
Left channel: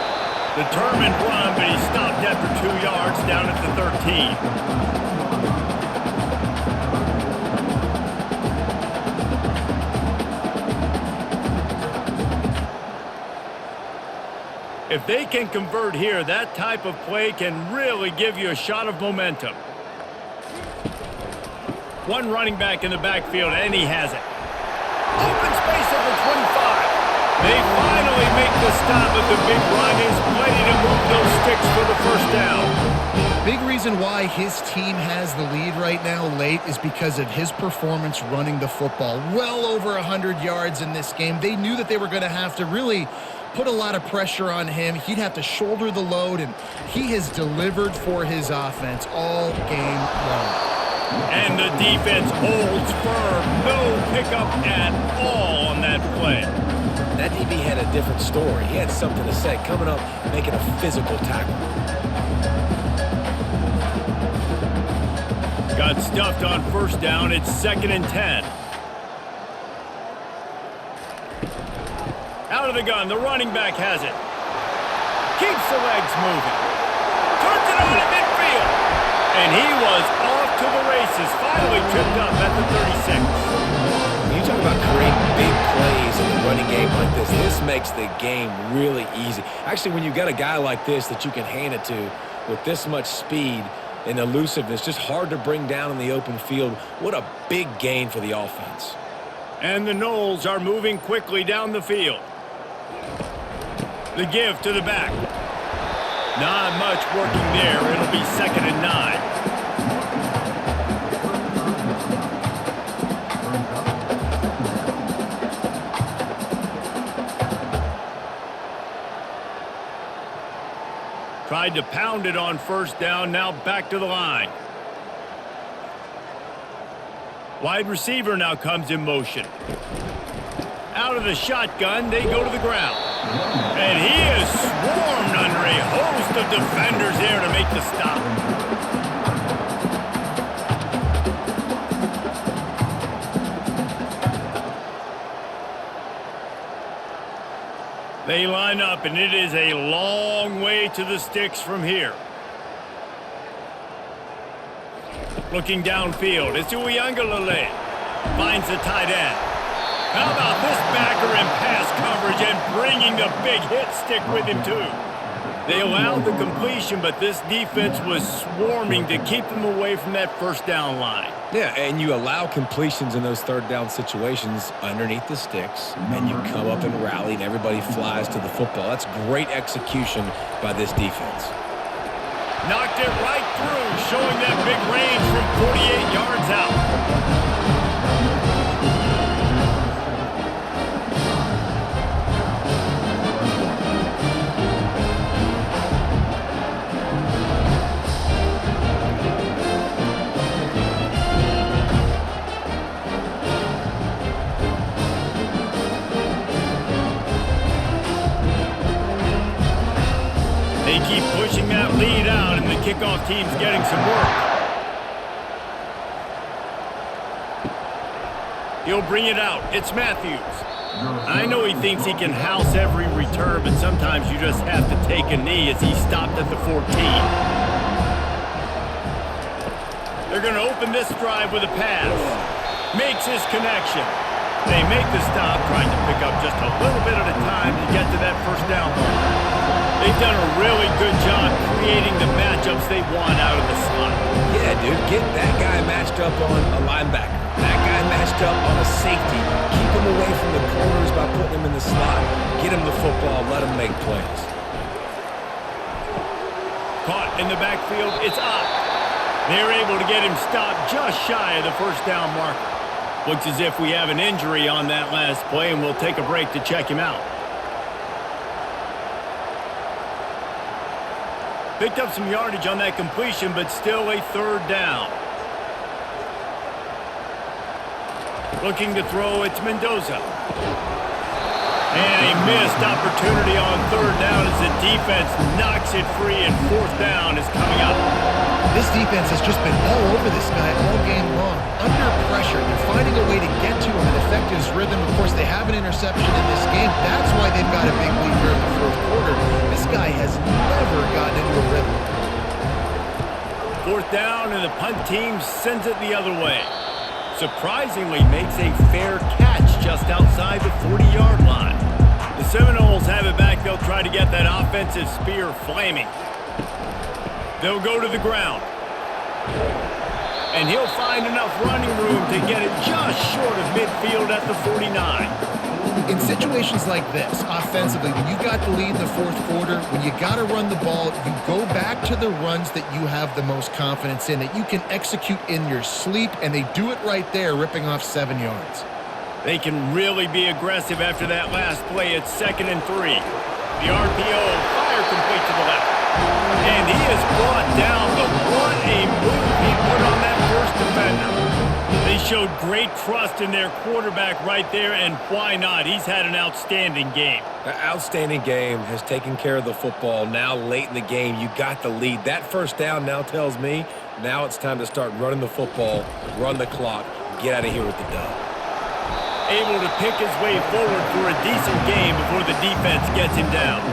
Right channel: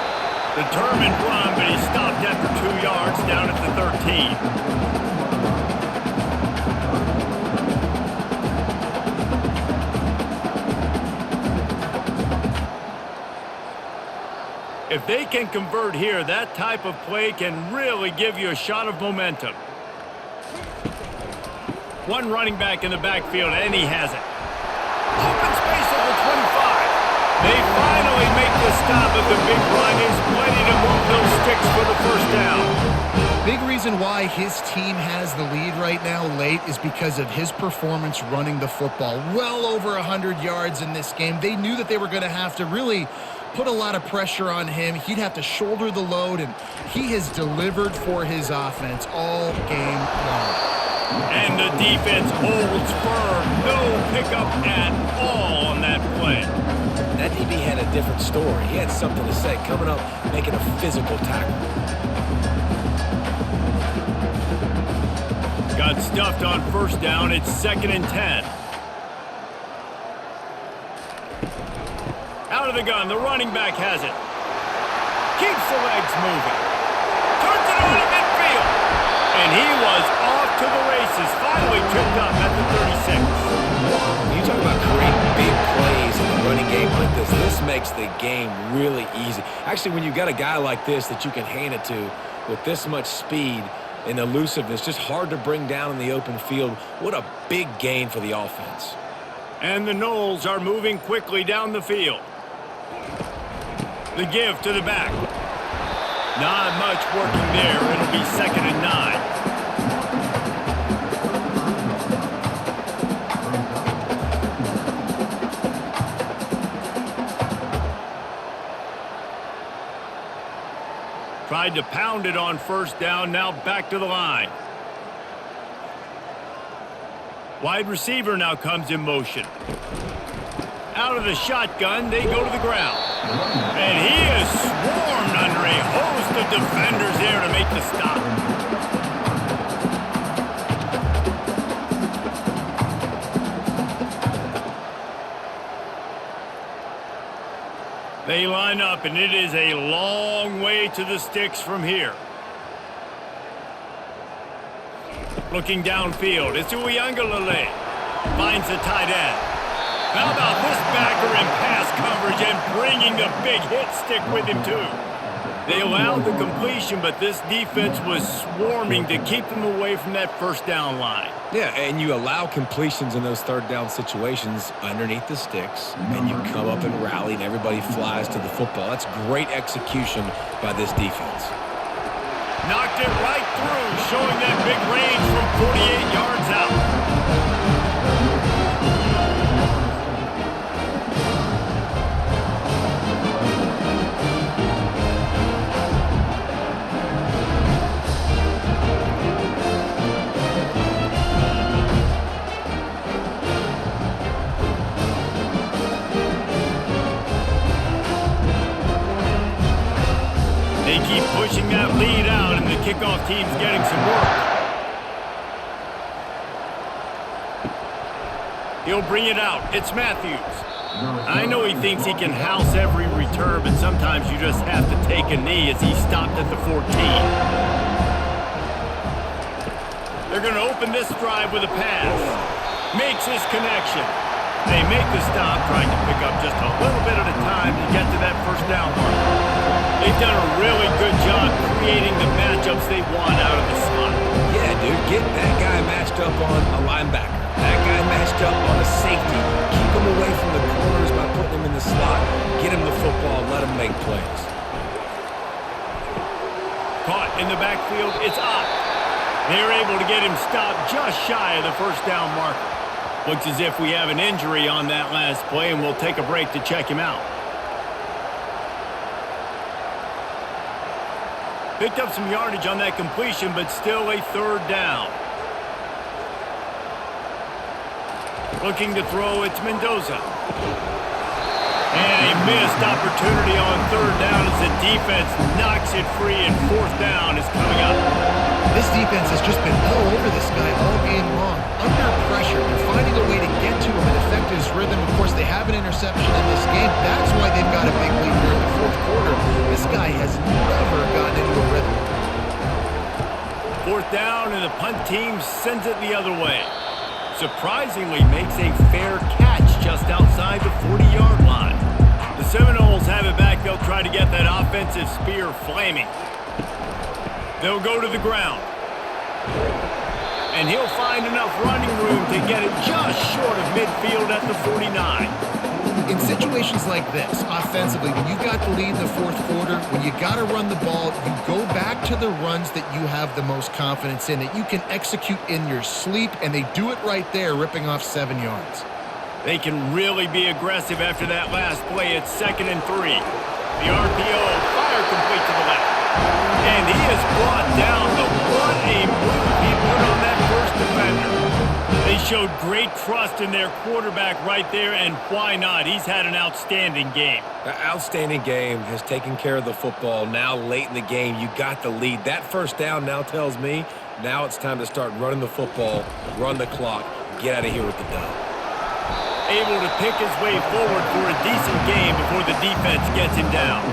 Determined run, but he stopped after 2 yards down at the 13. If they can convert here, that type of play can really give you a shot of momentum. One running back in the backfield, and he has it. Open space at the 25. They finally make the stop, but the big run is plenty to move those sticks for the first down. Big reason why his team has the lead right now late is because of his performance running the football. Well over 100 yards in this game. They knew that they were going to have to really put a lot of pressure on him. He'd have to shoulder the load, and he has delivered for his offense all game long. And the defense holds firm. No pickup at all on that play. That DB had a different story. He had something to say, coming up, making a physical tackle. Got stuffed on first down. It's 2nd and 10. Out of the gun, the running back has it. Keeps the legs moving. Turns it on in midfield. And he was off to the races. Finally tripped up at the 36. You talk about creating big plays in the running game like this. This makes the game really easy. Actually, when you've got a guy like this that you can hand it to with this much speed and elusiveness, just hard to bring down in the open field. What a big gain for the offense. And the Noles are moving quickly down the field. The give to the back. Not much working there. It'll be 2nd and 9. Tried to pound it on first down. Now back to the line. Wide receiver now comes in motion. Out of the shotgun, they go to the ground. And he is swarmed under a host of defenders there to make the stop. They line up, and it is a long way to the sticks from here. Looking downfield, it's Uiagalelei. Finds the tight end. How about this backer in pass coverage and bringing the big hit stick with him, too? They allowed the completion, but this defense was swarming to keep them away from that first down line. Yeah, and you allow completions in those third down situations underneath the sticks, and you come up and rally, and everybody flies to the football. That's great execution by this defense. Knocked it right through, showing that big range from 48 yards out. They keep pushing that lead out, and the kickoff team's getting some work. He'll bring it out. It's Matthews. I know he thinks he can house every return, but sometimes you just have to take a knee as he stopped at the 14. They're going to open this drive with a pass. Makes his connection. They make the stop, trying to pick up just a little bit at a time to get to that first down marker. They've done a really good job creating the matchups they want out of the slot. Yeah, dude, get that guy matched up on a linebacker. That guy matched up on a safety. Keep him away from the corners by putting him in the slot. Get him the football. Let him make plays. Caught in the backfield, it's Ott. They're able to get him stopped just shy of the first down marker. Looks as if we have an injury on that last play, and we'll take a break to check him out. Picked up some yardage on that completion, but still a third down. Looking to throw, it's Mendoza. And a missed opportunity on third down as the defense knocks it free, and fourth down is coming up. This defense has just been all over this guy all game long. Under pressure, they're finding a way to get to him and affect his rhythm. Of course, they have an interception in this game. That's why they've got a big lead here in the fourth quarter. This guy has never gotten into a rhythm. Fourth down, and the punt team sends it the other way. Surprisingly makes a fair catch just outside the 40-yard line. The Seminoles have it back. They'll try to get that offensive spear flaming. They'll go to the ground. And he'll find enough running room to get it just short of midfield at the 49. In situations like this, offensively, when you got the lead in the fourth quarter, when you got to run the ball, you go back to the runs that you have the most confidence in, that you can execute in your sleep, and they do it right there, ripping off 7 yards. They can really be aggressive after that last play. It's 2nd and 3. The RPO, fire complete to the left. And he is brought down, but what a move he put on that first defender. They showed great trust in their quarterback right there, and why not? He's had an outstanding game. The outstanding game has taken care of the football. Now late in the game, you got the lead. That first down now tells me now it's time to start running the football, run the clock, get out of here with the dub. Able to pick his way forward for a decent game before the defense gets him down.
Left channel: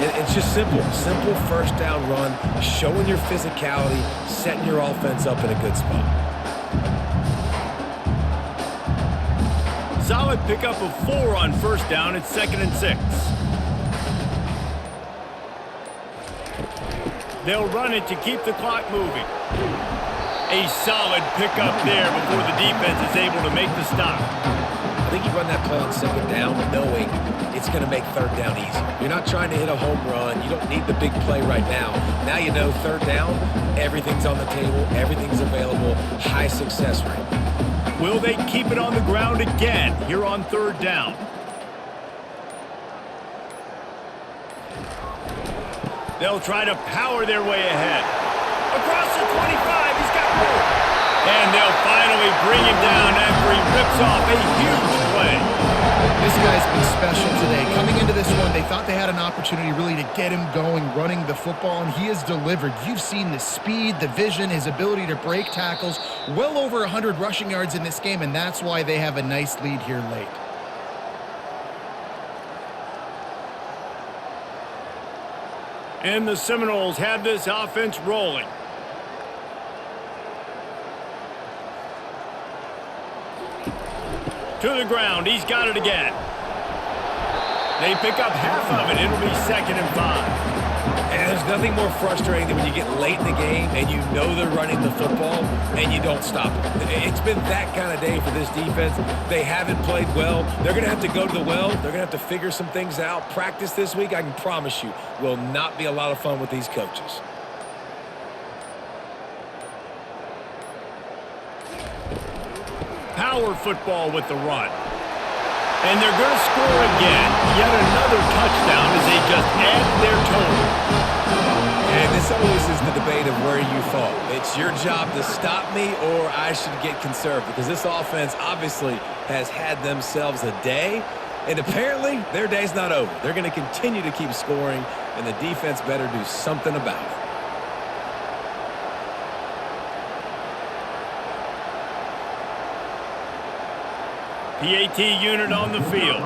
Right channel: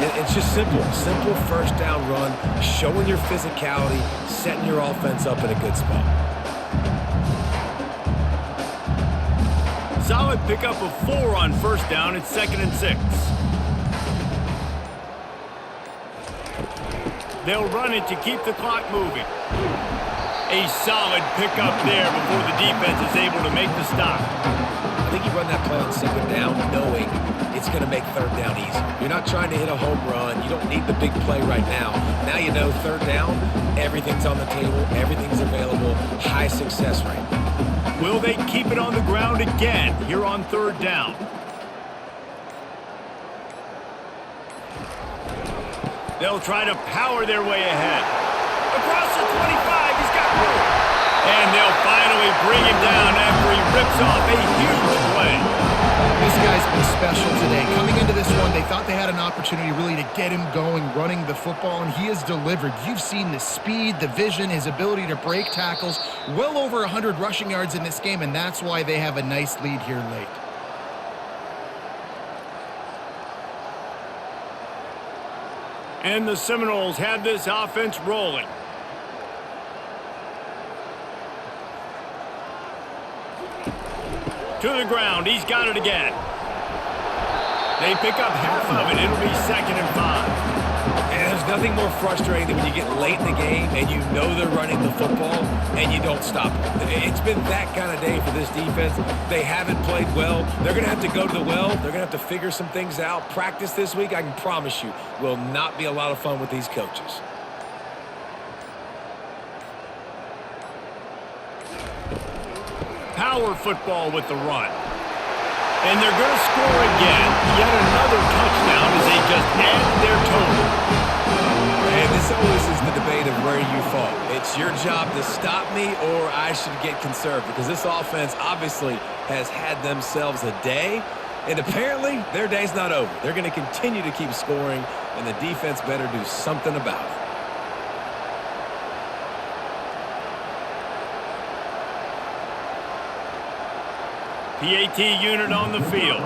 And it's just simple first down run, showing your physicality, setting your offense up in a good spot. Solid pickup of 4 on first down. It's 2nd and 6. They'll run it to keep the clock moving. A solid pickup there before the defense is able to make the stop. I think you run that play on 2nd down knowing it's going to make 3rd down easier. You're not trying to hit a home run. You don't need the big play right now. Now you know 3rd down, everything's on the table, everything's available, high success rate. Will they keep it on the ground again here on 3rd down? They'll try to power their way ahead. Across the 25, he's got room. And they'll finally bring him down after he rips off a huge play. This guy's been special today. Coming into this one, they thought they had an opportunity really to get him going, running the football, and he has delivered. You've seen the speed, the vision, his ability to break tackles, well over 100 rushing yards in this game, and that's why they have a nice lead here late. And the Seminoles have this offense rolling. To the ground. He's got it again. They pick up half of it. It'll be 2nd and 5. And there's nothing more frustrating than when you get late in the game and you know they're running the football and you don't stop them. It's been that kind of day for this defense. They haven't played well. They're going to have to go to the well. They're going to have to figure some things out. Practice this week, I can promise you, will not be a lot of fun with these coaches. Power football with the run. And they're going to score again. Yet another touchdown as they just add their total. And this always is the debate of where you fall. It's your job to stop me or I should get conserved, because this offense obviously has had themselves a day. And apparently their day's not over. They're going to continue to keep scoring, and the defense better do something about it. PAT unit on the field.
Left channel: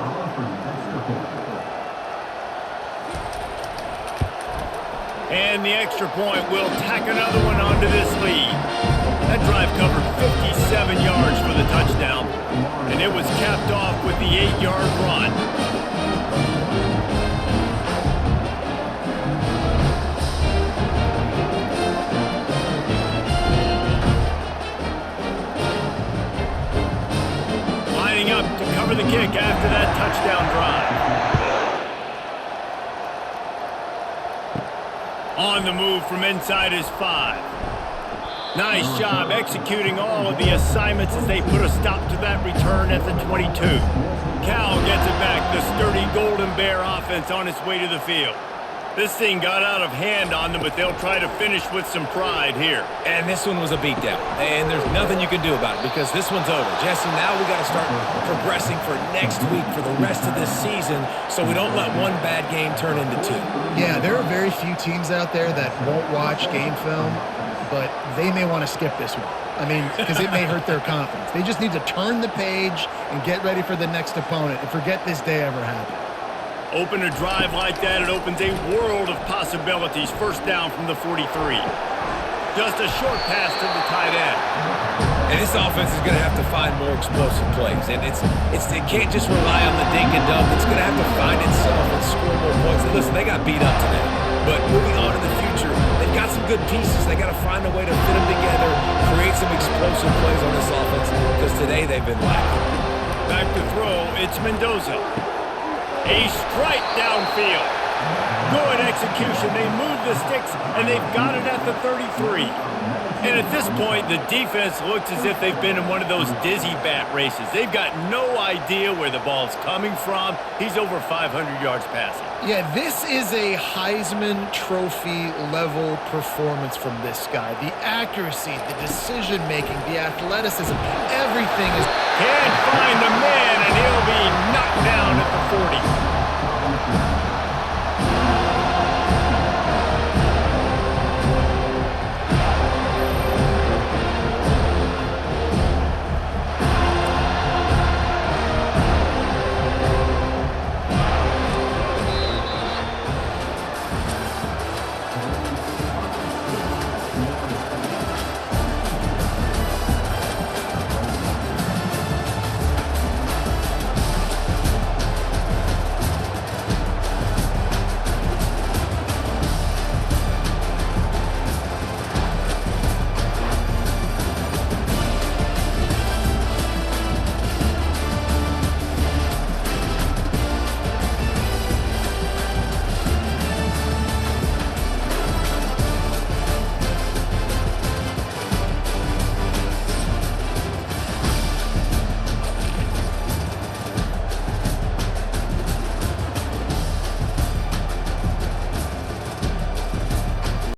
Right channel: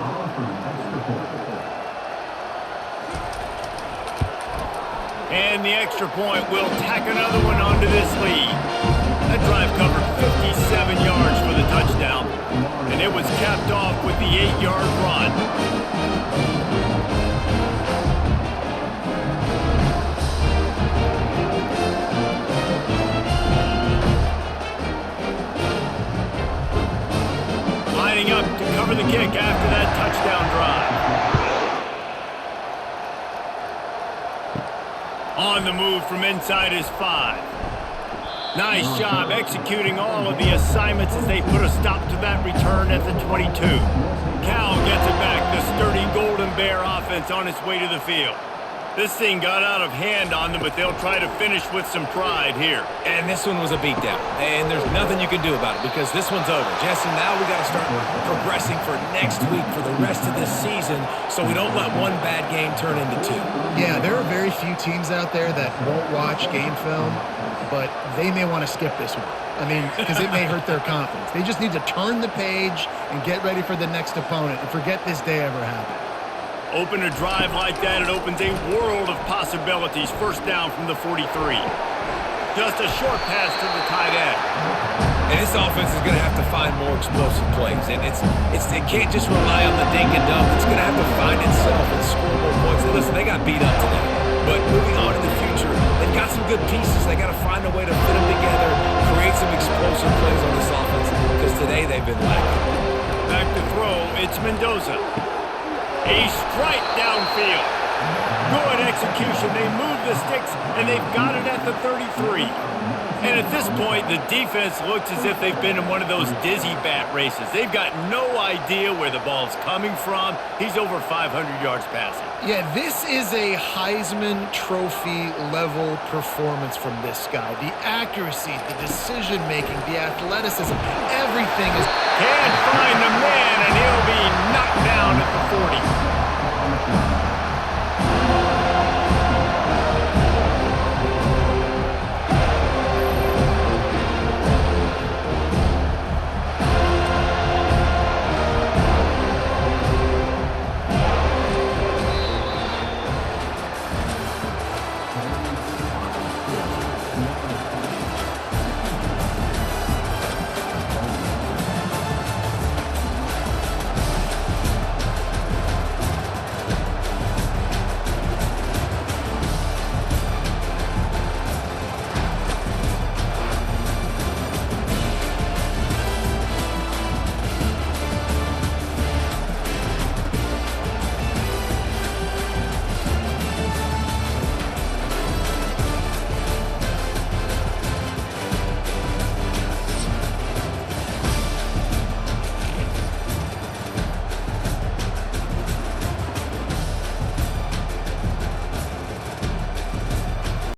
And the extra point will tack another one onto this lead. That drive covered 57 yards for the touchdown, and it was capped off with the 8-yard run. Lining up to cover the kick after that touchdown drive. On the move from inside his 5. Nice job executing all of the assignments as they put a stop to that return at the 22. Cal gets it back. The sturdy Golden Bear offense on its way to the field. This thing got out of hand on them, but they'll try to finish with some pride here. And this one was a beatdown. And there's nothing you can do about it because this one's over. Jesse, now we got to start progressing for next week for the rest of this season so we don't let one bad game turn into 2. Yeah, there are very few teams out there that won't watch game film. but they may want to skip this one. I mean, because it may hurt their confidence. They just need to turn the page and get ready for the next opponent and forget this day ever happened. Open a drive like that, it opens a world of possibilities. First down from the 43. Just a short pass to the tight end. And this offense is going to have to find more explosive plays. And it can't just rely on the dink and dunk. It's going to have to find itself and score more points. Listen, they got beat up today. But moving on in the future, they've got some good pieces. They got to find a way to fit them together, create some explosive plays on this offense, because today they've been lacking. Back to throw, it's Mendoza. A strike downfield. Good execution. They move the sticks, and they've got it at the 33. And at this point, the defense looks as if they've been in one of those dizzy bat races. They've got no idea where the ball's coming from. He's over 500 yards passing. Yeah, this is a Heisman Trophy level performance from this guy. The accuracy, the decision-making, the athleticism, everything is... Can't find the man, and he'll be knocked down at the 40.